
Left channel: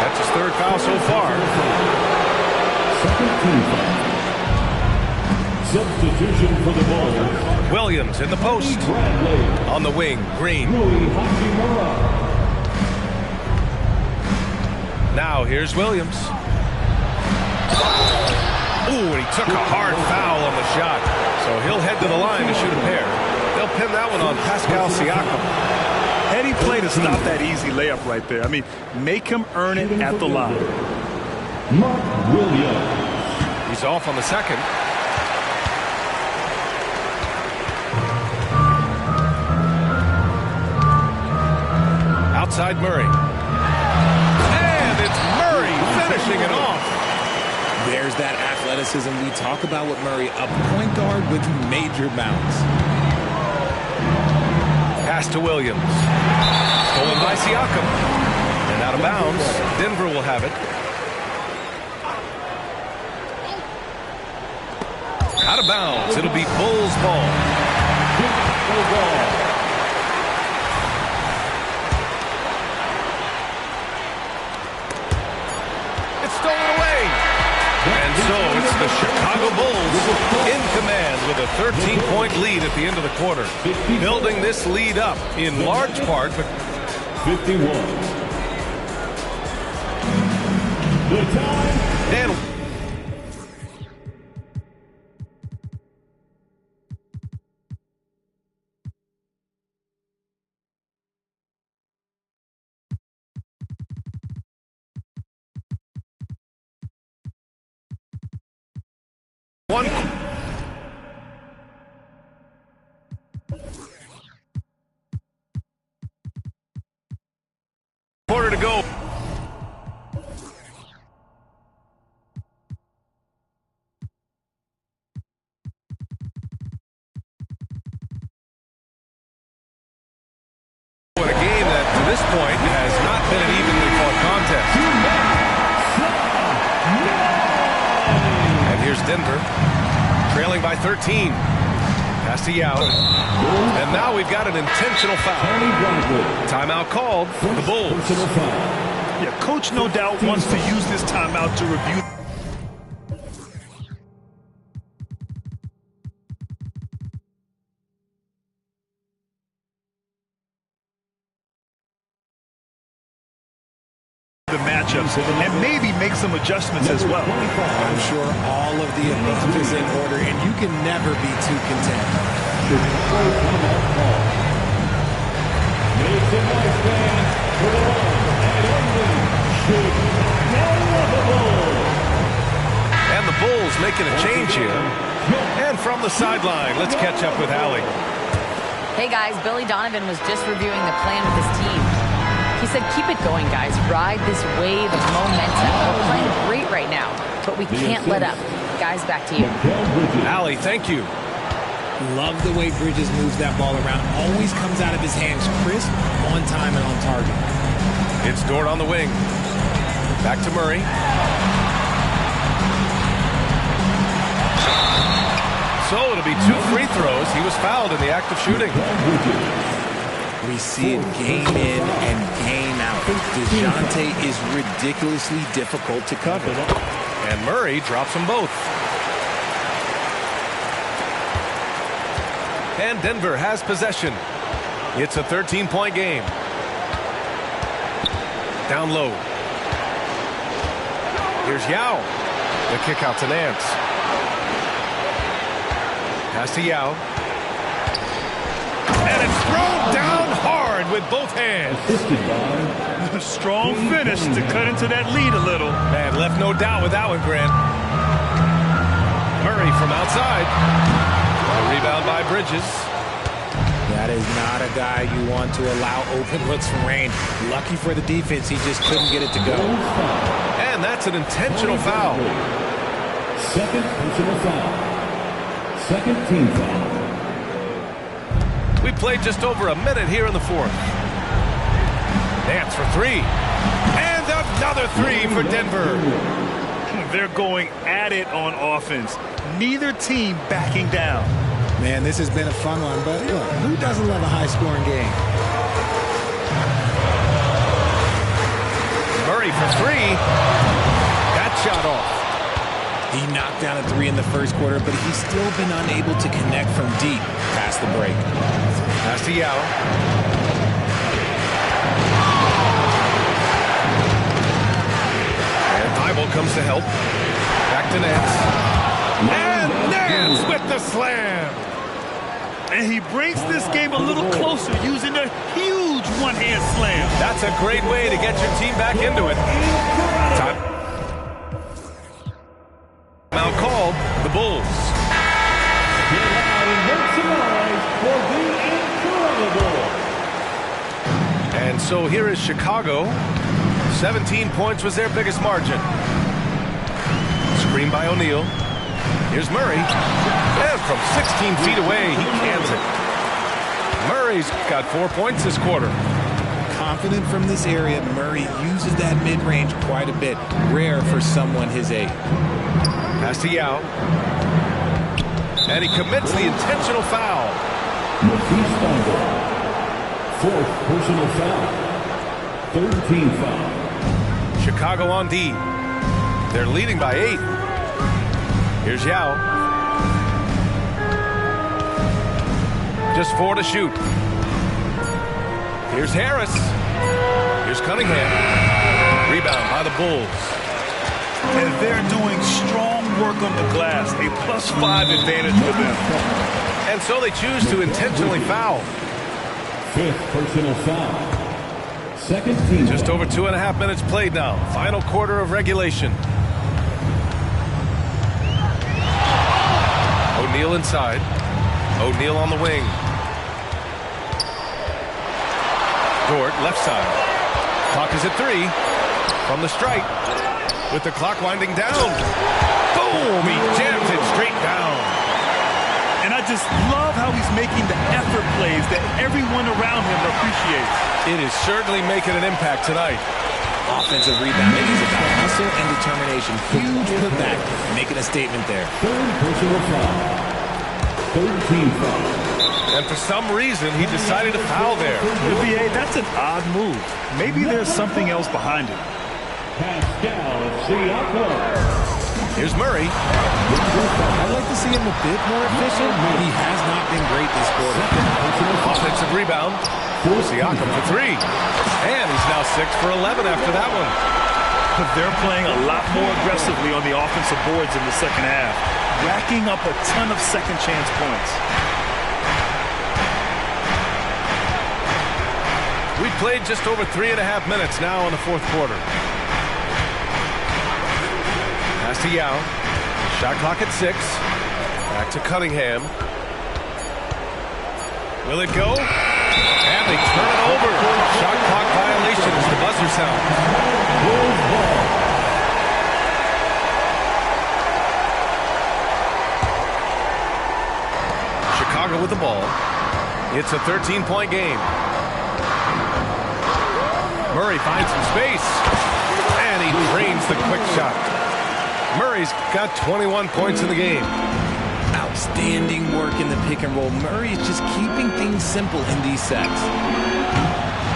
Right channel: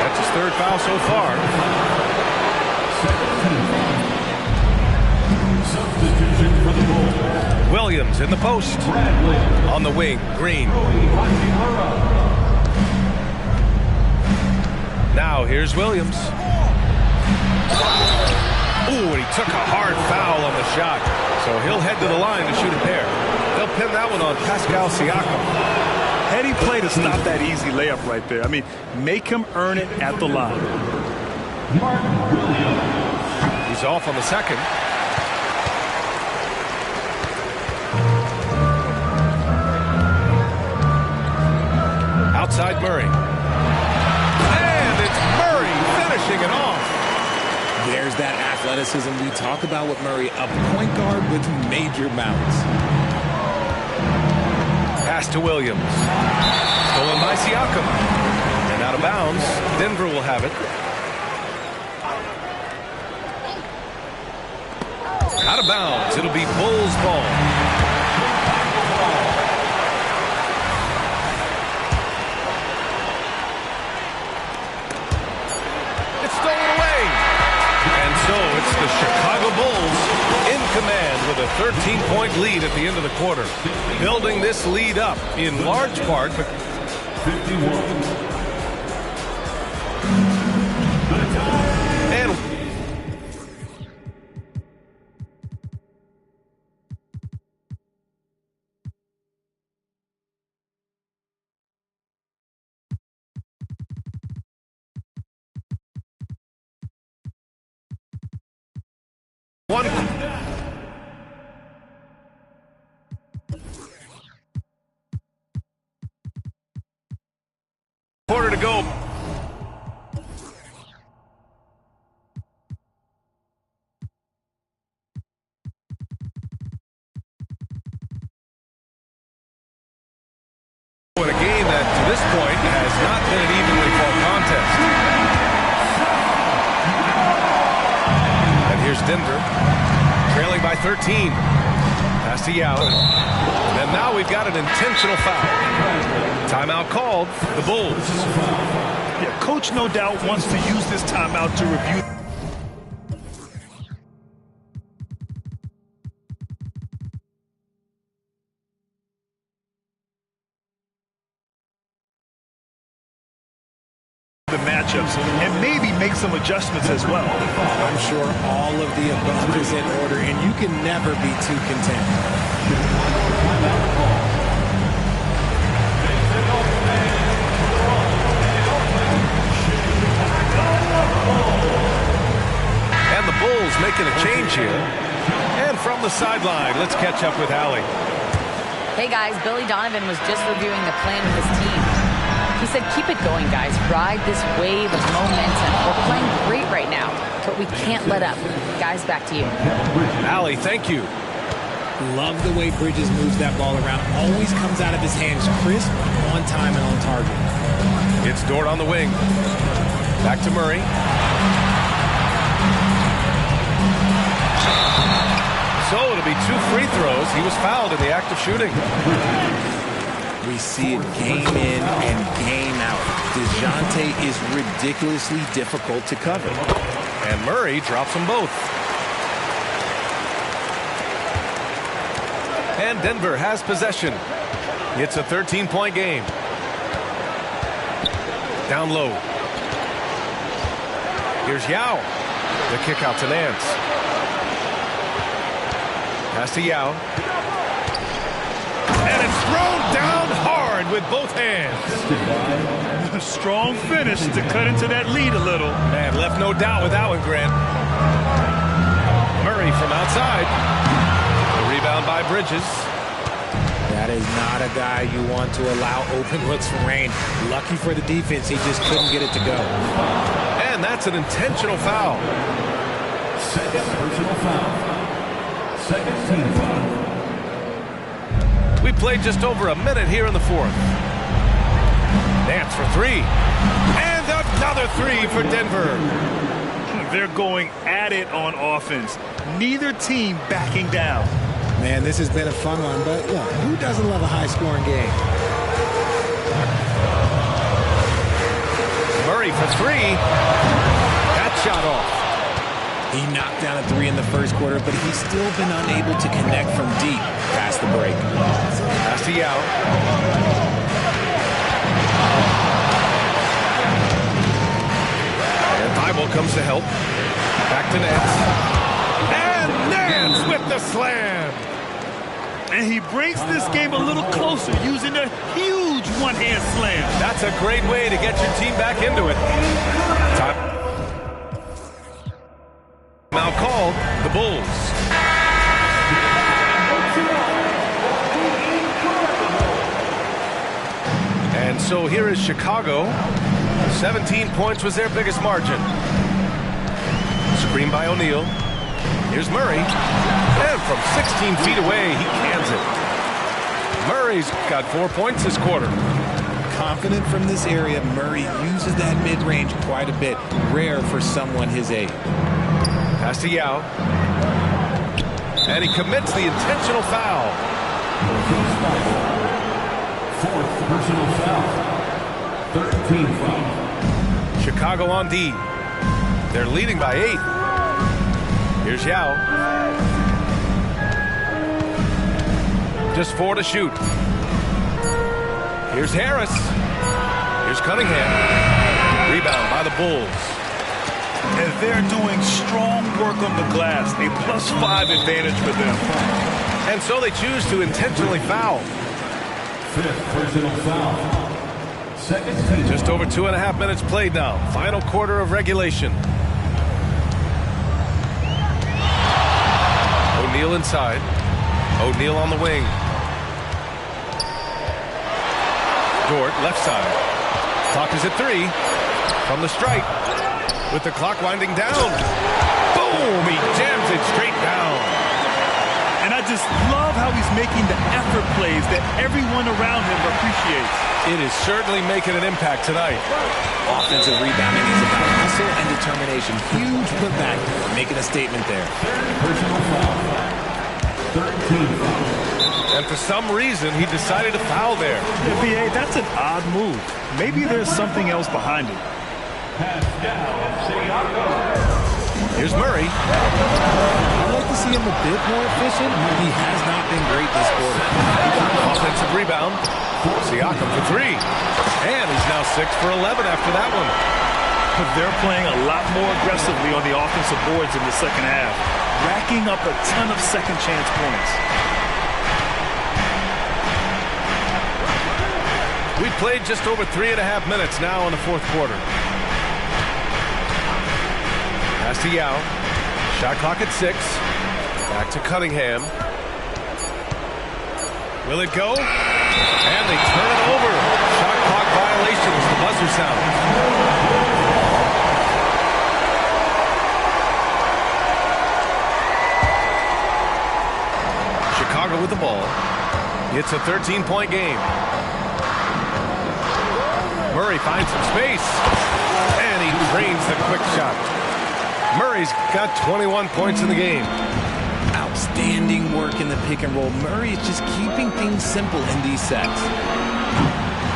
That's his 3rd foul so far. Second team foul. Substitution for the Bulls. Williams in the post. Bradley. On the wing, Green. Now here's Williams. Ooh, and he took a hard foul on the shot. So he'll head to the line to shoot a pair. They'll pin that one on Pascal Siakam. Heady play to stop that easy layup right there. I mean, make him earn it at the line. Mark Williams. He's off on the second. Outside Murray. And it's Murray finishing it off. There's that athleticism we talk about with Murray, a point guard with major bounce. Pass to Williams. Stolen by Siakam. And out of bounds. Denver will have it. Out of bounds. It'll be Bulls ball. It's stolen away. And so it's the Chicago Bulls in command with a 13-point lead at the end of the quarter. Building this lead up in large part. 51. The time. And one quarter to go. In a game that to this point has not been an evenly fought contest. And here's Denver. trailing by 13. Pass to Yao. And now we've got an intentional foul. Timeout called for the Bulls. Yeah, coach no doubt wants to use this timeout to review the matchups and maybe make some adjustments as well. I'm sure all of the above is in order, and you can never be too content. And the Bulls making a change here. And from the sideline, let's catch up with Allie. Hey guys, Billy Donovan was just reviewing the plan with his team. He said, keep it going, guys. Ride this wave of momentum. We're playing great right now, but we can't let up. Guys, back to you. Allie, thank you. Love the way Bridges moves that ball around. Always comes out of his hands crisp, on time, and on target. It's Dort on the wing. Back to Murray. So it'll be 2 free throws. He was fouled in the act of shooting. We see it game in and game out. DeJounte is ridiculously difficult to cover. And Murray drops them both. And Denver has possession. It's a 13-point game. Down low. Here's Yao. The kick out to Nance. Pass to Yao. And it's thrown down hard with both hands. A strong finish to cut into that lead a little. Man, left no doubt with that one, Grant. Murray from outside. A rebound by Bridges. That is not a guy you want to allow open looks from range. Lucky for the defense, he just couldn't get it to go. And that's an intentional foul. Second personal foul. Second team foul. We played just over a minute here in the fourth. Nance for 3. And another 3 for Denver. They're going at it on offense. Neither team backing down. Man, this has been a fun one, but look, who doesn't love a high-scoring game? Murray for 3. That shot off. He knocked down a 3 in the first quarter, but he's still been unable to connect from deep past the break. Pass to Yao. And Thibault comes to help. Back to Nance. And Nance with the slam. And he brings this game a little closer using a huge one-hand slam. That's a great way to get your team back into it. Time out called, the Bulls. And so here is Chicago. 17 points was their biggest margin. Screen by O'Neal. Here's Murray. And from 16 feet away, he cans it. Murray's got 4 points this quarter. Confident from this area, Murray uses that mid-range quite a bit. Rare for someone his age. Pass to Yao. And he commits the intentional foul. Fourth personal foul. Third team foul. Chicago on D. They're leading by 8. Here's Yao. Just 4 to shoot. Here's Harris. Here's Cunningham. Rebound by the Bulls. And they're doing strong work on the glass. A +5 advantage for them. And so they choose to intentionally foul. Fifth personal foul. Second team. Just over 2.5 minutes played now. Final quarter of regulation. O'Neal inside. O'Neal on the wing. Dort left side. Clock is at 3. From the stripe. With the clock winding down. Boom! He jams it straight down. And I just love how he's making the effort plays that everyone around him appreciates. It is certainly making an impact tonight. Offensive rebounding is about hustle and determination. Huge putback, making a statement there. Third personal foul. 13 foul. And for some reason, he decided to foul there. Yeah, B.A., that's an odd move. Maybe there's something else behind it. Pass down, SHAQ. Here's Murray. I'd like to see him a bit more efficient. He has not been great this quarter. Offensive rebound. Siakam for three. And he's now 6 for 11 after that one. But they're playing a lot more aggressively on the offensive boards in the second half, racking up a ton of second chance points. We played just over 3.5 minutes now in the fourth quarter. Pass to Yao. Shot clock at 6. Back to Cunningham. Will it go? And they turn it over. Shot clock violation as the buzzer sounds. Chicago with the ball. It's a 13-point game. Murray finds some space. And he drains the quick shot. Murray's got 21 points in the game. Outstanding work in the pick and roll. Murray is just keeping things simple in these sets.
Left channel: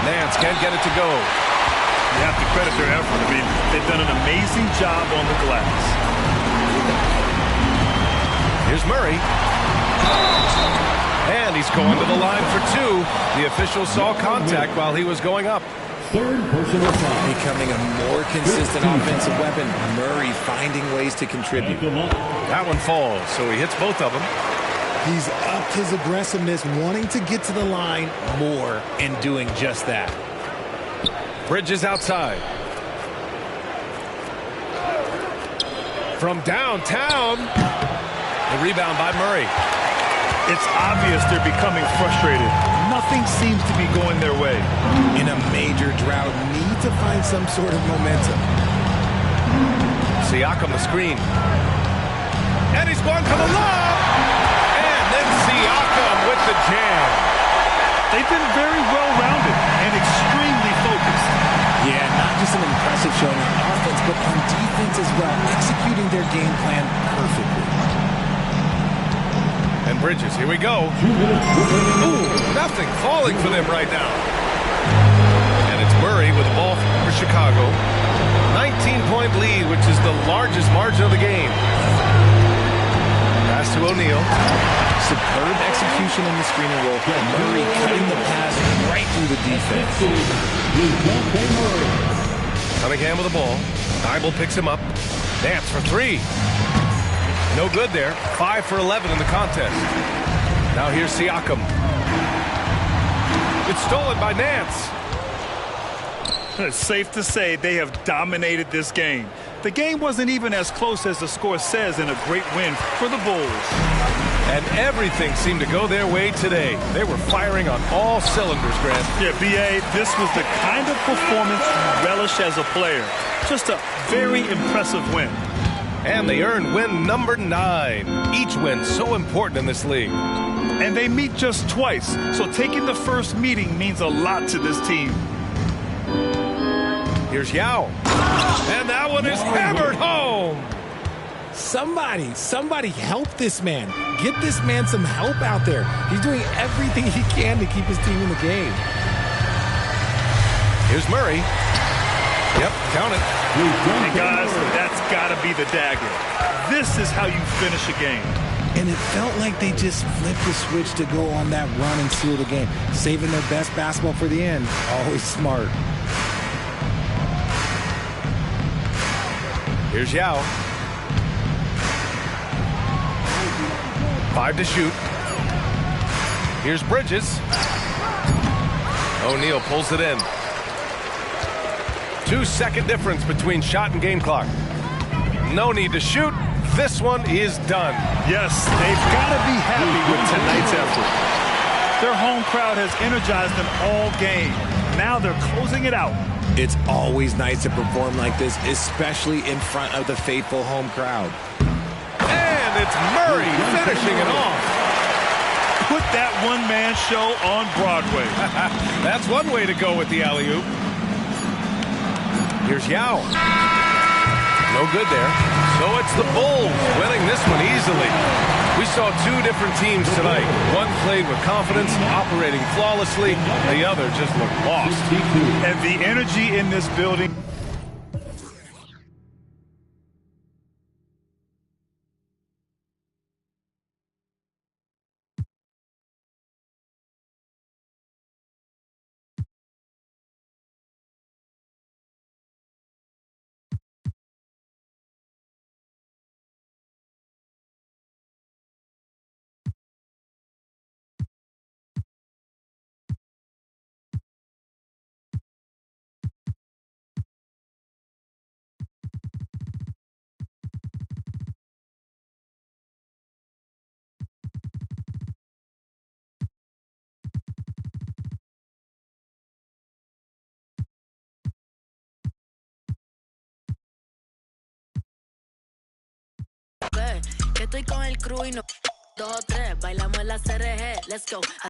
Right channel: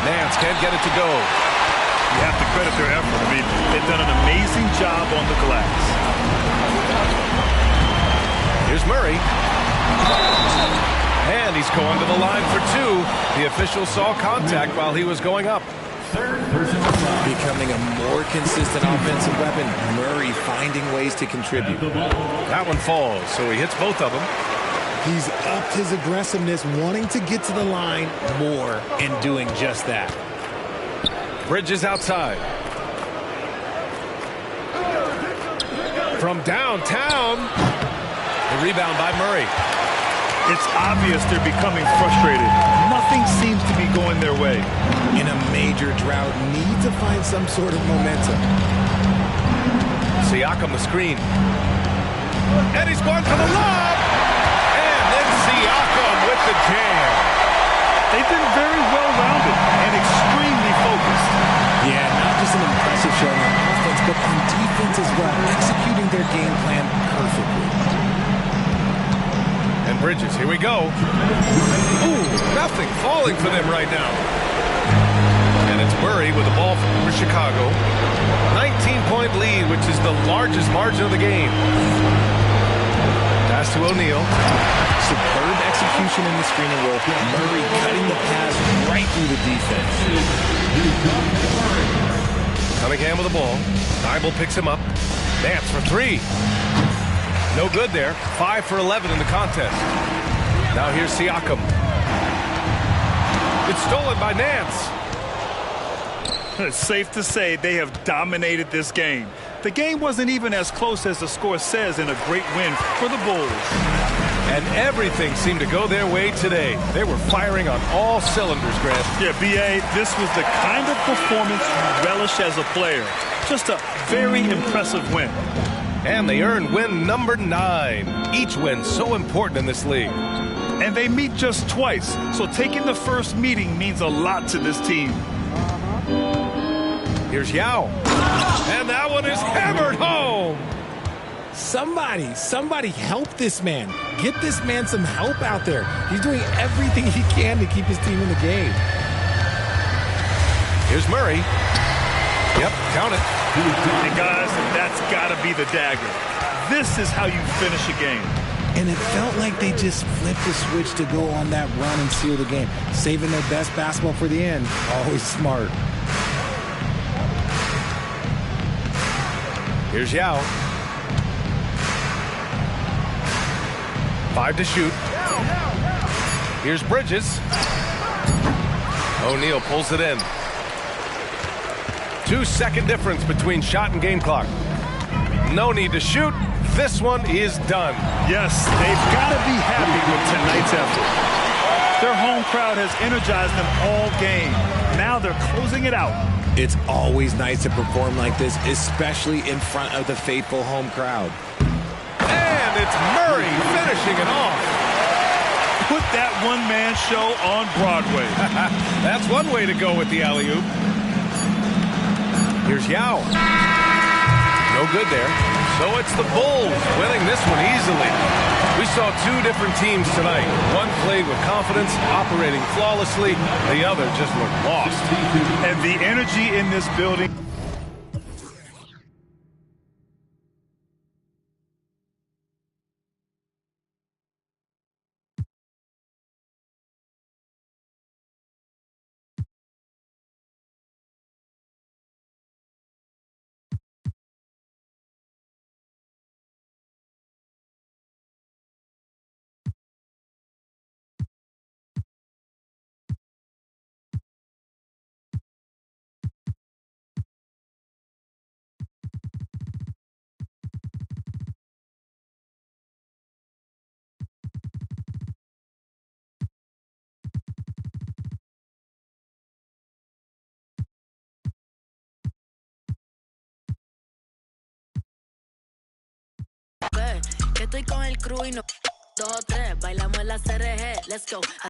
Nance can't get it to go. You have to credit their effort. I mean, they've done an amazing job on the glass. Here's Murray. And he's going to the line for 2. The official saw contact while he was going up. Third personal foul. Becoming a more consistent offensive weapon. Murray finding ways to contribute. That one falls, so he hits both of them. He's upped his aggressiveness, wanting to get to the line more and doing just that. Bridges outside. From downtown. The rebound by Murray. It's obvious they're becoming frustrated. Nothing seems to be going their way. In a major drought, need to find some sort of momentum. Siakam the screen. And he's going for the lob. And then Siakam with the jam. They've been very well-rounded and extremely focused. Yeah, not just an impressive showing on offense, but on defense as well, executing their game plan perfectly. And Bridges, here we go. Ooh, nothing falling for them right now. And it's Murray with the ball for Chicago. 19-point lead, which is the largest margin of the game. Pass to O'Neal. Superb execution in the screen and roll. Murray cutting the pass right through the defense. Cunningham with the ball. Dybel picks him up. Nance for 3. No good there. 5 for 11 in the contest. Now here's Siakam. It's stolen by Nance. It's safe to say they have dominated this game. The game wasn't even as close as the score says in a great win for the Bulls. And everything seemed to go their way today. They were firing on all cylinders, Grant. Yeah, B.A., this was the kind of performance you relish as a player. Just a very impressive win. And they earned win number 9. Each win so important in this league. And they meet just twice, so taking the first meeting means a lot to this team. Here's Yao. And that one is hammered home. Somebody help this man. Get this man some help out there. He's doing everything he can to keep his team in the game. Here's Murray. Yep, count it. And guys, that's got to be the dagger. This is how you finish a game. And it felt like they just flipped the switch to go on that run and seal the game. Saving their best basketball for the end. Always smart. Here's Yao. 5 to shoot. Here's Bridges. O'Neal pulls it in. 2-second difference between shot and game clock. No need to shoot. This one is done. Yes, they've got to be happy with tonight's effort. Their home crowd has energized them all game. Now they're closing it out. It's always nice to perform like this, especially in front of the faithful home crowd. And it's Murray finishing it off. Put that one-man show on Broadway. That's one way to go with the alley-oop. Here's Yao. No good there. So it's the Bulls winning this one easily. We saw two different teams tonight. One played with confidence, operating flawlessly. The other just looked lost. And the energy in this building. Que estoy con el crew y no 2 o 3, bailamos en la CRG, let's go.